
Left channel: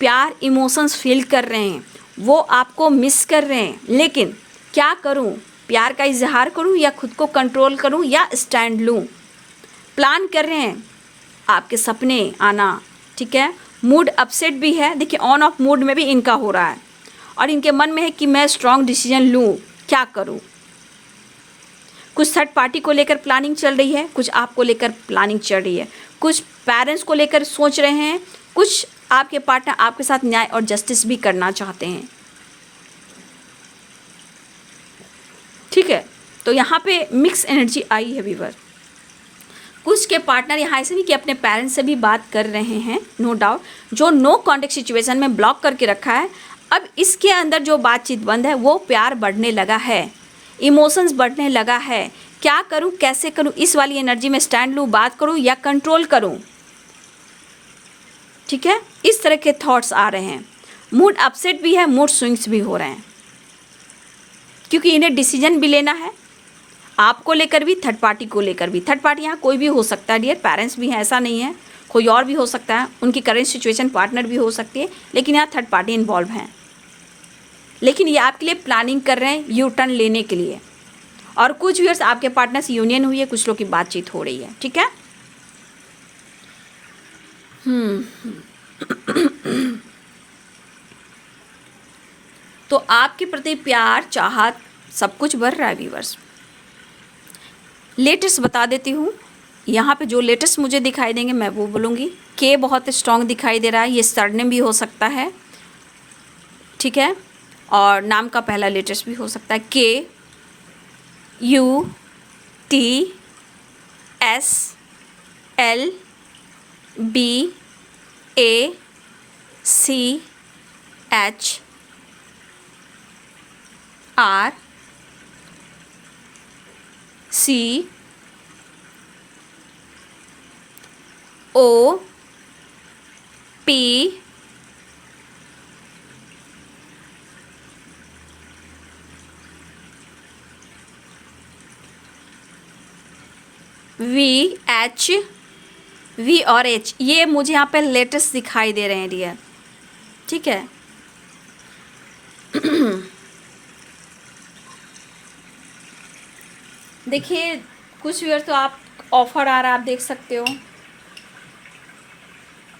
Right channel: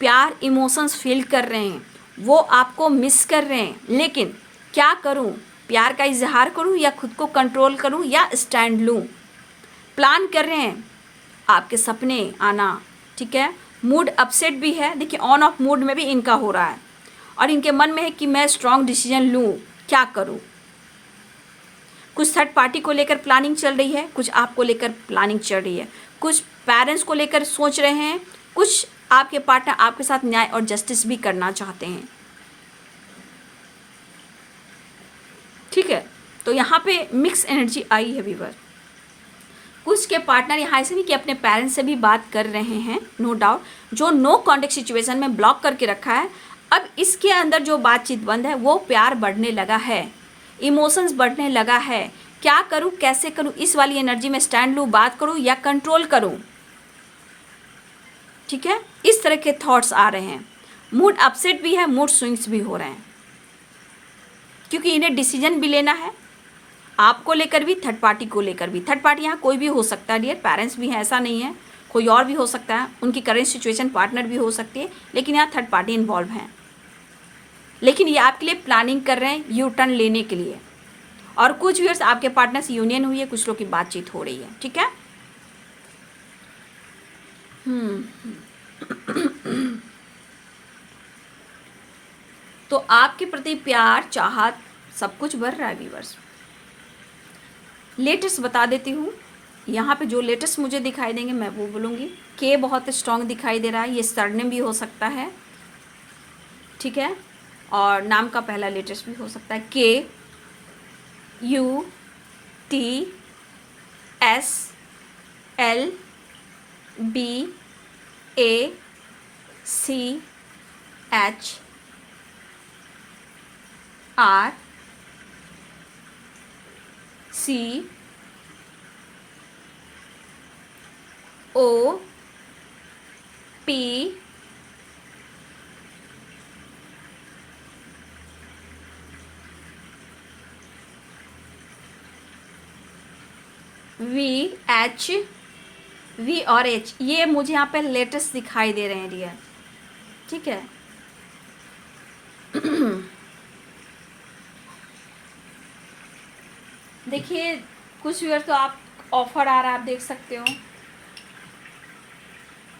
प्यार, इमोशंस फील कर रहे हैं, वो आपको मिस कर रहे हैं। लेकिन क्या करूं, प्यार का इजहार करूं या खुद को कंट्रोल करूं या स्टैंड लूं। प्लान कर रहे हैं आपके सपने आना, ठीक है। मूड अपसेट भी है, देखिए ऑन ऑफ मूड में भी इनका हो रहा है। और इनके मन में है कि मैं स्ट्रॉन्ग डिसीजन लूं, क्या करूं। कुछ थर्ड पार्टी को लेकर प्लानिंग चल रही है, कुछ आपको लेकर प्लानिंग चल रही है, कुछ पेरेंट्स को लेकर सोच रहे हैं, कुछ आपके पार्टनर आपके साथ न्याय और जस्टिस भी करना चाहते हैं, ठीक है। तो यहाँ पे मिक्स एनर्जी आई है व्यूअर। कुछ के पार्टनर यहाँ ऐसे नहीं कि अपने पेरेंट्स से भी बात कर रहे हैं, नो डाउट, जो नो कॉन्टेक्ट सिचुएशन में ब्लॉक करके रखा है। अब इसके अंदर जो बातचीत बंद है, वो प्यार बढ़ने लगा है, इमोशंस बढ़ने लगा है। क्या करूं, कैसे करूं, इस वाली एनर्जी में स्टैंड लूं, बात करूं या कंट्रोल करूं, ठीक है। इस तरह के थॉट्स आ रहे हैं। मूड अपसेट भी है, मूड स्विंग्स भी हो रहे हैं, क्योंकि इन्हें डिसीजन भी लेना है, आपको लेकर भी, थर्ड पार्टी को लेकर भी। थर्ड पार्टी यहाँ कोई भी हो सकता है डियर, पेरेंट्स भी हैं, ऐसा नहीं है, कोई और भी हो सकता है, उनकी करेंट सिचुएशन पार्टनर भी हो सकती है, लेकिन यहाँ थर्ड पार्टी इन्वॉल्व हैं। लेकिन ये आपके लिए प्लानिंग कर रहे हैं यू टर्न लेने के लिए। और कुछ व्यूअर्स आपके पार्टनर से यूनियन हुई है, कुछ लोग की बातचीत हो रही है, ठीक है। तो आपके प्रति प्यार, चाहत, सब कुछ बढ़ रहा है व्यूअर्स। लेटेस्ट बता देती हूँ, यहाँ पे जो लेटेस्ट मुझे दिखाई देंगे मैं वो बोलूँगी। के बहुत स्ट्रॉन्ग दिखाई दे रहा है, ये सरनेम भी हो सकता है, ठीक है, और नाम का पहला लेटेस्ट भी हो सकता है। KUTSACL V और H, ये मुझे यहाँ पे लेटेस्ट दिखाई दे रहे हैं डियर, ठीक है। देखिए कुछ व्यूअर तो आप ऑफर आ रहा है, आप देख सकते हो।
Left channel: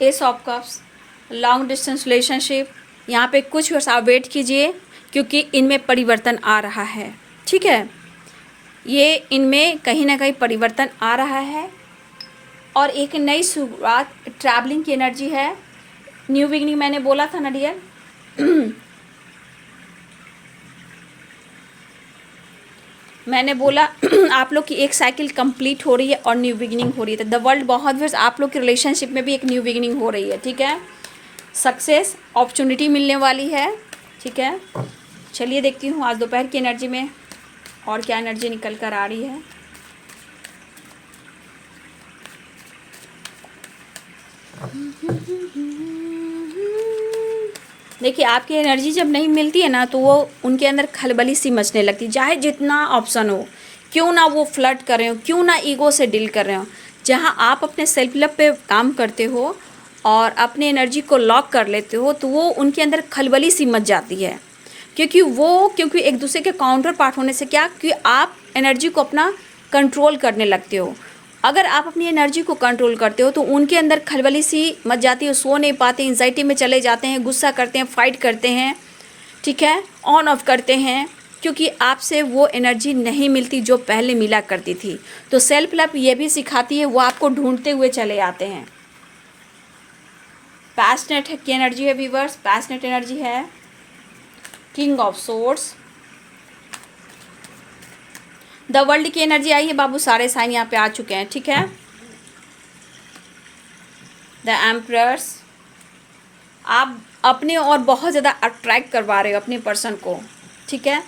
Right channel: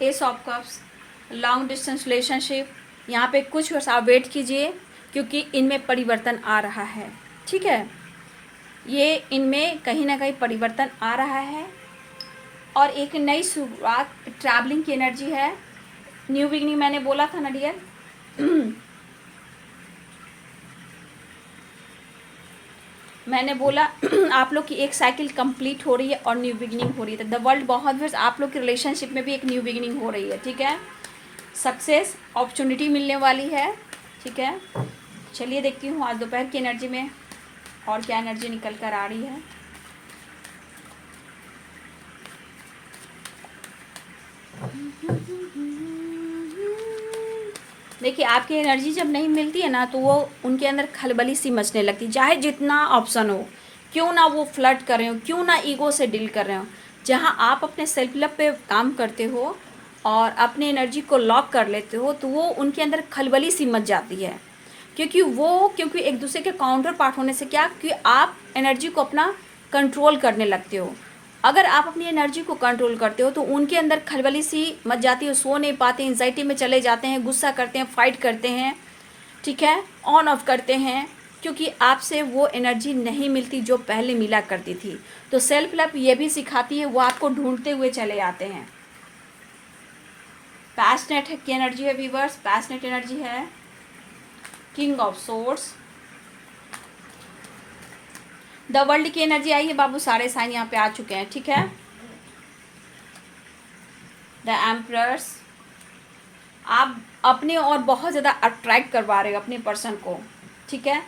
S of cups, long distance relationship, यहाँ पे कुछ व्यूअर्स आप वेट कीजिए, क्योंकि इनमें परिवर्तन आ रहा है, ठीक है। ये इनमें कहीं ना कहीं परिवर्तन आ रहा है और एक नई शुरुआत, ट्रैवलिंग की एनर्जी है। न्यू बिगनिंग मैंने बोला था ना डियर, मैंने बोला आप लोग की एक साइकिल कंप्लीट हो रही है और न्यू बिगिनिंग हो रही है। द वर्ल्ड बहुत वर्ष आप लोग के रिलेशनशिप में भी एक न्यू बिगिनिंग हो रही है, ठीक है। सक्सेस, अपॉर्चुनिटी मिलने वाली है, ठीक है। चलिए देखती हूँ आज दोपहर की एनर्जी में और क्या एनर्जी निकल कर आ रही है। देखिए आपकी एनर्जी जब नहीं मिलती है ना, तो वो उनके अंदर खलबली सी मचने लगती है। चाहे जितना ऑप्शन हो, क्यों ना वो फ्लर्ट कर रहे हो, क्यों ना ईगो से डील कर रहे हो, जहाँ आप अपने सेल्फ लव पे काम करते हो और अपने एनर्जी को लॉक कर लेते हो, तो वो उनके अंदर खलबली सी मच जाती है, क्योंकि एक दूसरे के काउंटर पार्ट होने से क्या कि आप एनर्जी को अपना कंट्रोल करने लगते हो। अगर आप अपनी एनर्जी को कंट्रोल करते हो तो उनके अंदर खलबली सी मच जाती है, सो नहीं पाते, एंजाइटी में चले जाते हैं, गुस्सा करते हैं, फाइट करते हैं, ठीक है, ऑन ऑफ करते हैं, क्योंकि आपसे वो एनर्जी नहीं मिलती जो पहले मिला करती थी। तो सेल्फ लव ये भी सिखाती है, वो आपको ढूंढते हुए चले आते हैं। पैशनेट की एनर्जी है व्यूअर्स, पैशनेट एनर्जी है। King of swords, the world की एनर्जी आई है बाबू, सारे साइन यहाँ पे आ चुके हैं, ठीक है। द एम्परर्स, आप अपने और बहुत ज़्यादा अट्रैक्ट करवा रहे हो अपने पर्सन को, ठीक है।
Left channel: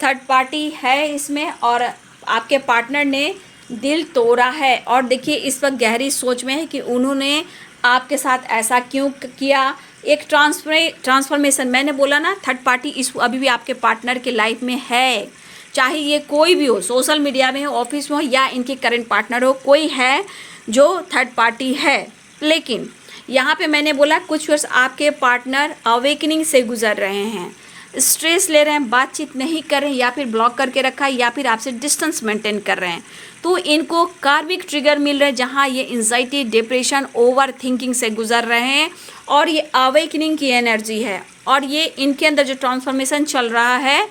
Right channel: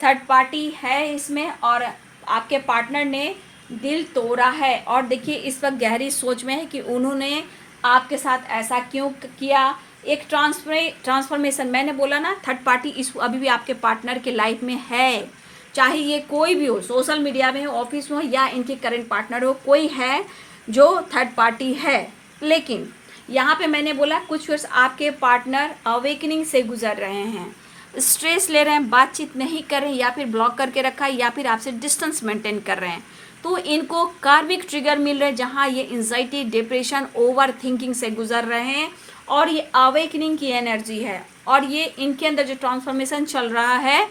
थर्ड पार्टी है इसमें और आपके पार्टनर ने दिल तोड़ा है, और देखिए इस वक्त गहरी सोच में है कि उन्होंने आपके साथ ऐसा क्यों किया। एक ट्रांसफॉर्मेशन, मैंने बोला ना, थर्ड पार्टी इस अभी भी आपके पार्टनर के लाइफ में है, चाहे ये कोई भी हो, सोशल मीडिया में हो, ऑफिस में हो, या इनके करंट पार्टनर हो, कोई है जो थर्ड पार्टी है। लेकिन यहाँ पे मैंने बोला कुछ वर्ष आपके पार्टनर अवेकनिंग से गुजर रहे हैं, स्ट्रेस ले रहे हैं, बातचीत नहीं कर रहे हैं, या फिर ब्लॉक करके रखा है, या फिर आपसे डिस्टेंस मेंटेन कर रहे हैं। तो इनको कार्मिक ट्रिगर मिल रहे हैं जहाँ ये एंजाइटी, डिप्रेशन, ओवर थिंकिंग से गुजर रहे हैं, और ये अवेकनिंग की एनर्जी है, और ये इनके अंदर जो ट्रांसफॉर्मेशन चल रहा है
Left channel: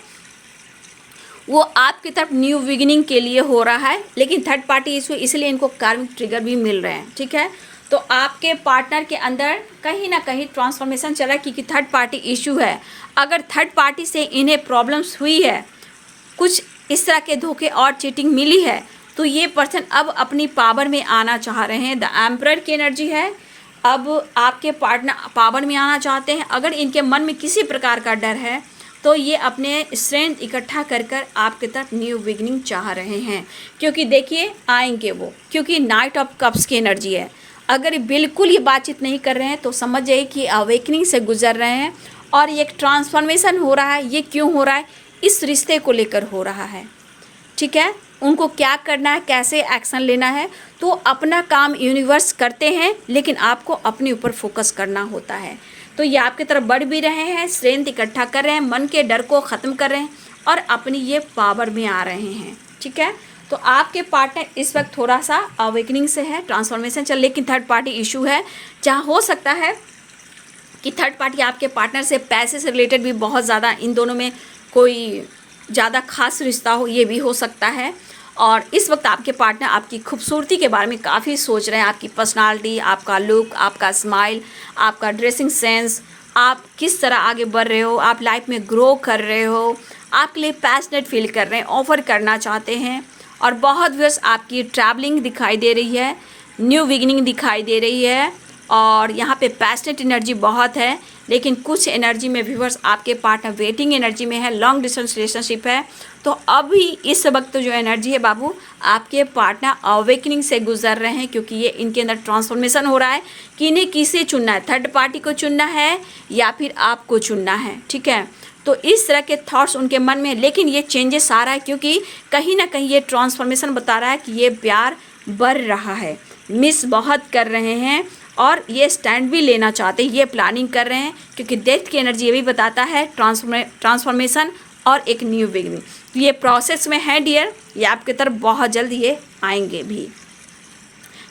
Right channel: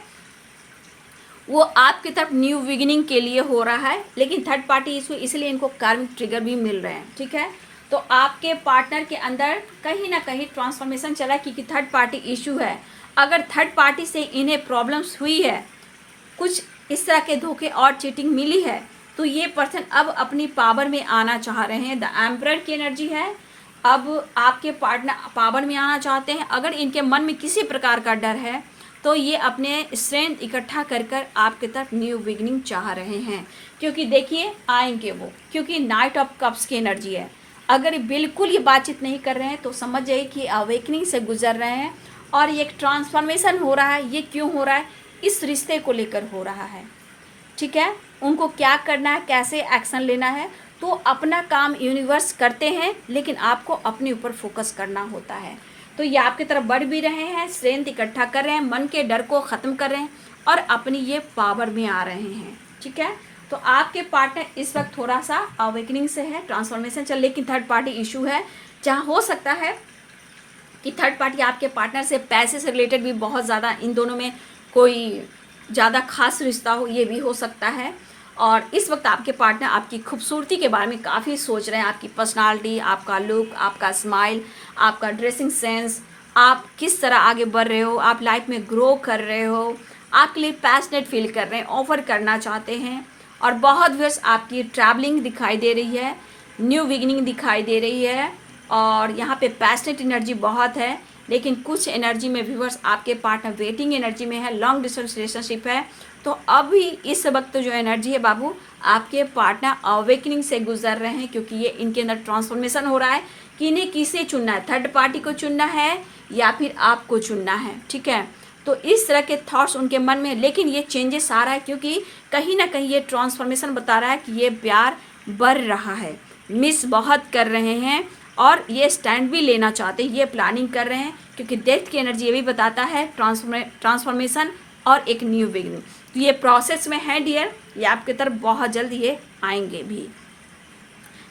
वो आपकी तरफ न्यू बिगिनिंग के लिए हो रहा है। लेकिन थर्ड पार्टी इशू, इसलिए इनको कार्मिक ट्रिगर भी मिल रहे हैं, ठीक है। तो आपके पार्टनर के अंदर कहीं ना कहीं ट्रांसफॉर्मेशन चला है, क्योंकि थर्ड पार्टी इशू है। अगर थर्ड पार्टी से इन्हें प्रॉब्लम्स हुई है, कुछ इस तरह के धोखे और चीटिंग मिली है, तो ये पर्सन अब अपनी पावर में आना चाह रहे हैं। द एम्परर की एनर्जी है, अब आपके पार्टनर पावर में आना चाहते हैं। अगर इनके मन में किसी प्रकार का डर है तो ये अपने स्ट्रेंथ इकट्ठा कर कर आपके तरफ न्यू बिगिनिंग चाह रहे हैं, क्योंकि देखिए आएंगे वो, क्योंकि नाइट ऑफ कप्स की एनर्जी है। अगर बिल्कुल ये बातचीत नहीं कर रहे हैं तो समझ जाइए कि अवेकनिंग से गुजर रहे हैं, और ये एक ट्रांसफॉर्मेशन हो रहा है। ये क्यों हो रहा है? इस रिश्ते को लेकर हो रहा है, ठीक है। उनको क्या करना है, कैसे एक्शन लेना है, तो अपना काम यूनिवर्स करते हैं, लेकिन आपको अपने ऊपर फोकस करना होता है। तो ये आपकी तरफ बढ़ भी रहे हैं, स्ट्रेंथ इकट्ठा कर रहे हैं, मन के डर को ख़त्म कर रहे हैं, और अपनी ये पावर में आ रहे हैं, ठीक है। तो आपके पार्टनर इस वक्त थोड़ा सा अवेकनिंग से है, ट्रांसफॉर्मेशन चल, लेकिन थर्ड पार्टी इशू है, जहाँ हो सकता है कि थर्ड पार्टी आपके पार्टनर से पैसे से रिलेटेड भी बहुत ज़्यादा इन दोनों में कोई ज़्यादा खास रिश्ता हो, ये भी हो सकता है। और इस वक्त आपके पार्टनर आपकी खूबसूरती के बारे में काफ़ी सोच रहे हैं, आपकी पर्सनालिटी, आपका लुक, आपका स्माइल, आपका ड्रेसिंग सेंस, आप किस तरह आगे बढ़ रहे हो, आप लाइफ में ग्रो कर रहे हो, आपके लिए पैशनेट फील कर रहे हैं, ऑफर करना चाहते हैं। और बहुत व्यस्त आपकी ट्रैवलिंग दिखाई दे रही है, न्यू बिगिनिंग दिखाई दे रही है, और यहाँ पे पैशनेट एनर्जी बहुत है। लेकिन कुछ एनर्जी में व्यूअर्स आपके पार्टनर वेटिंग एनर्जी में है, लॉन्ग डिस्टेंस रिलेशनशिप है। तो अभी इस वक्त जो एनर्जी है बाबू, आपके पार्टनर अवेकनिंग से गुजर रहे हैं, क्योंकि ये इनके अंदर ट्रांसफॉर्मेशन हो रहा है कि इन्हें किसे चुनना है, थर्ड पार्टी को चुनना है या फिर आपको चुनना है, ठीक है। तो इस तरह के थॉट्स उनके मन में, लेकिन ये चेंजेस आ रहा है, क्योंकि कहीं ना कहीं ये ट्रांसफॉर्मेशन बता रहा है कि ये प्यार बढ़ रहा है, मिस बहुत कर रहे हैं, और ये स्टैंड भी लेना चाहते हैं, ये प्लानिंग कर रहे हैं, क्योंकि डेथ की एनर्जी ये भी बताता है ट्रांसफॉर्मेशन और एक न्यू बिगिनिंग। तो ये प्रोसेस में है डियर, ये आपकी तरफ बहुत जल्द ये आएंगे भी।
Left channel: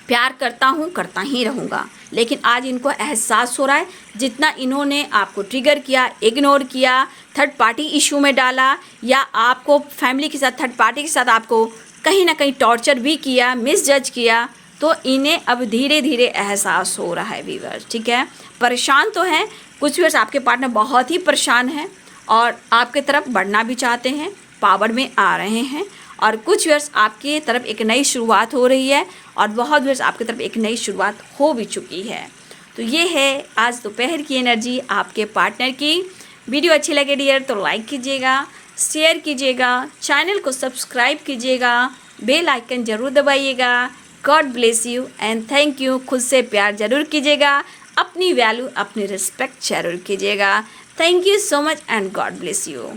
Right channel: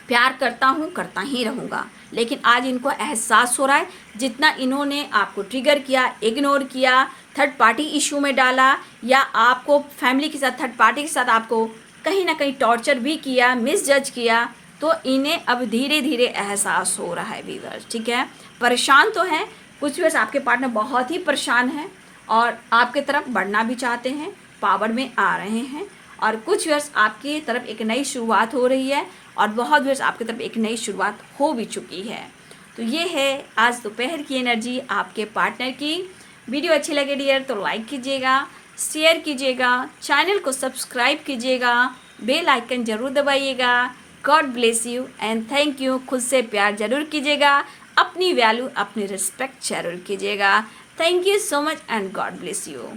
प्यार करता हूँ, करता ही रहूँगा, लेकिन आज इनको एहसास हो रहा है, जितना इन्होंने आपको ट्रिगर किया, इग्नोर किया, थर्ड पार्टी इशू में डाला, या आपको फैमिली के साथ, थर्ड पार्टी के साथ आपको कहीं ना कहीं टॉर्चर भी किया, मिसजज किया, तो इन्हें अब धीरे धीरे एहसास हो रहा है व्यूअर्स, ठीक है। परेशान तो हैं कुछ व्यूअर्स, आपके पार्टनर बहुत ही परेशान हैं और आपके तरफ बढ़ना भी चाहते हैं, पावर में आ रहे हैं, और कुछ व्यूअर्स आपकी तरफ एक नई शुरुआत हो रही है, और बहुत व्यूअर्स आपकी तरफ एक नई शुरुआत हो भी चुकी है। तो ये है आज दोपहर की एनर्जी आपके पार्टनर की। वीडियो अच्छी लगे डियर तो लाइक कीजिएगा, शेयर कीजिएगा, चैनल को सब्सक्राइब कीजिएगा, बेल आइकन ज़रूर दबाइएगा। God bless you and thank you. खुद से प्यार ज़रूर कीजिएगा, अपनी वैल्यू, अपनी रिस्पेक्ट ज़रूर कीजिएगा। Thank you so much and God bless you.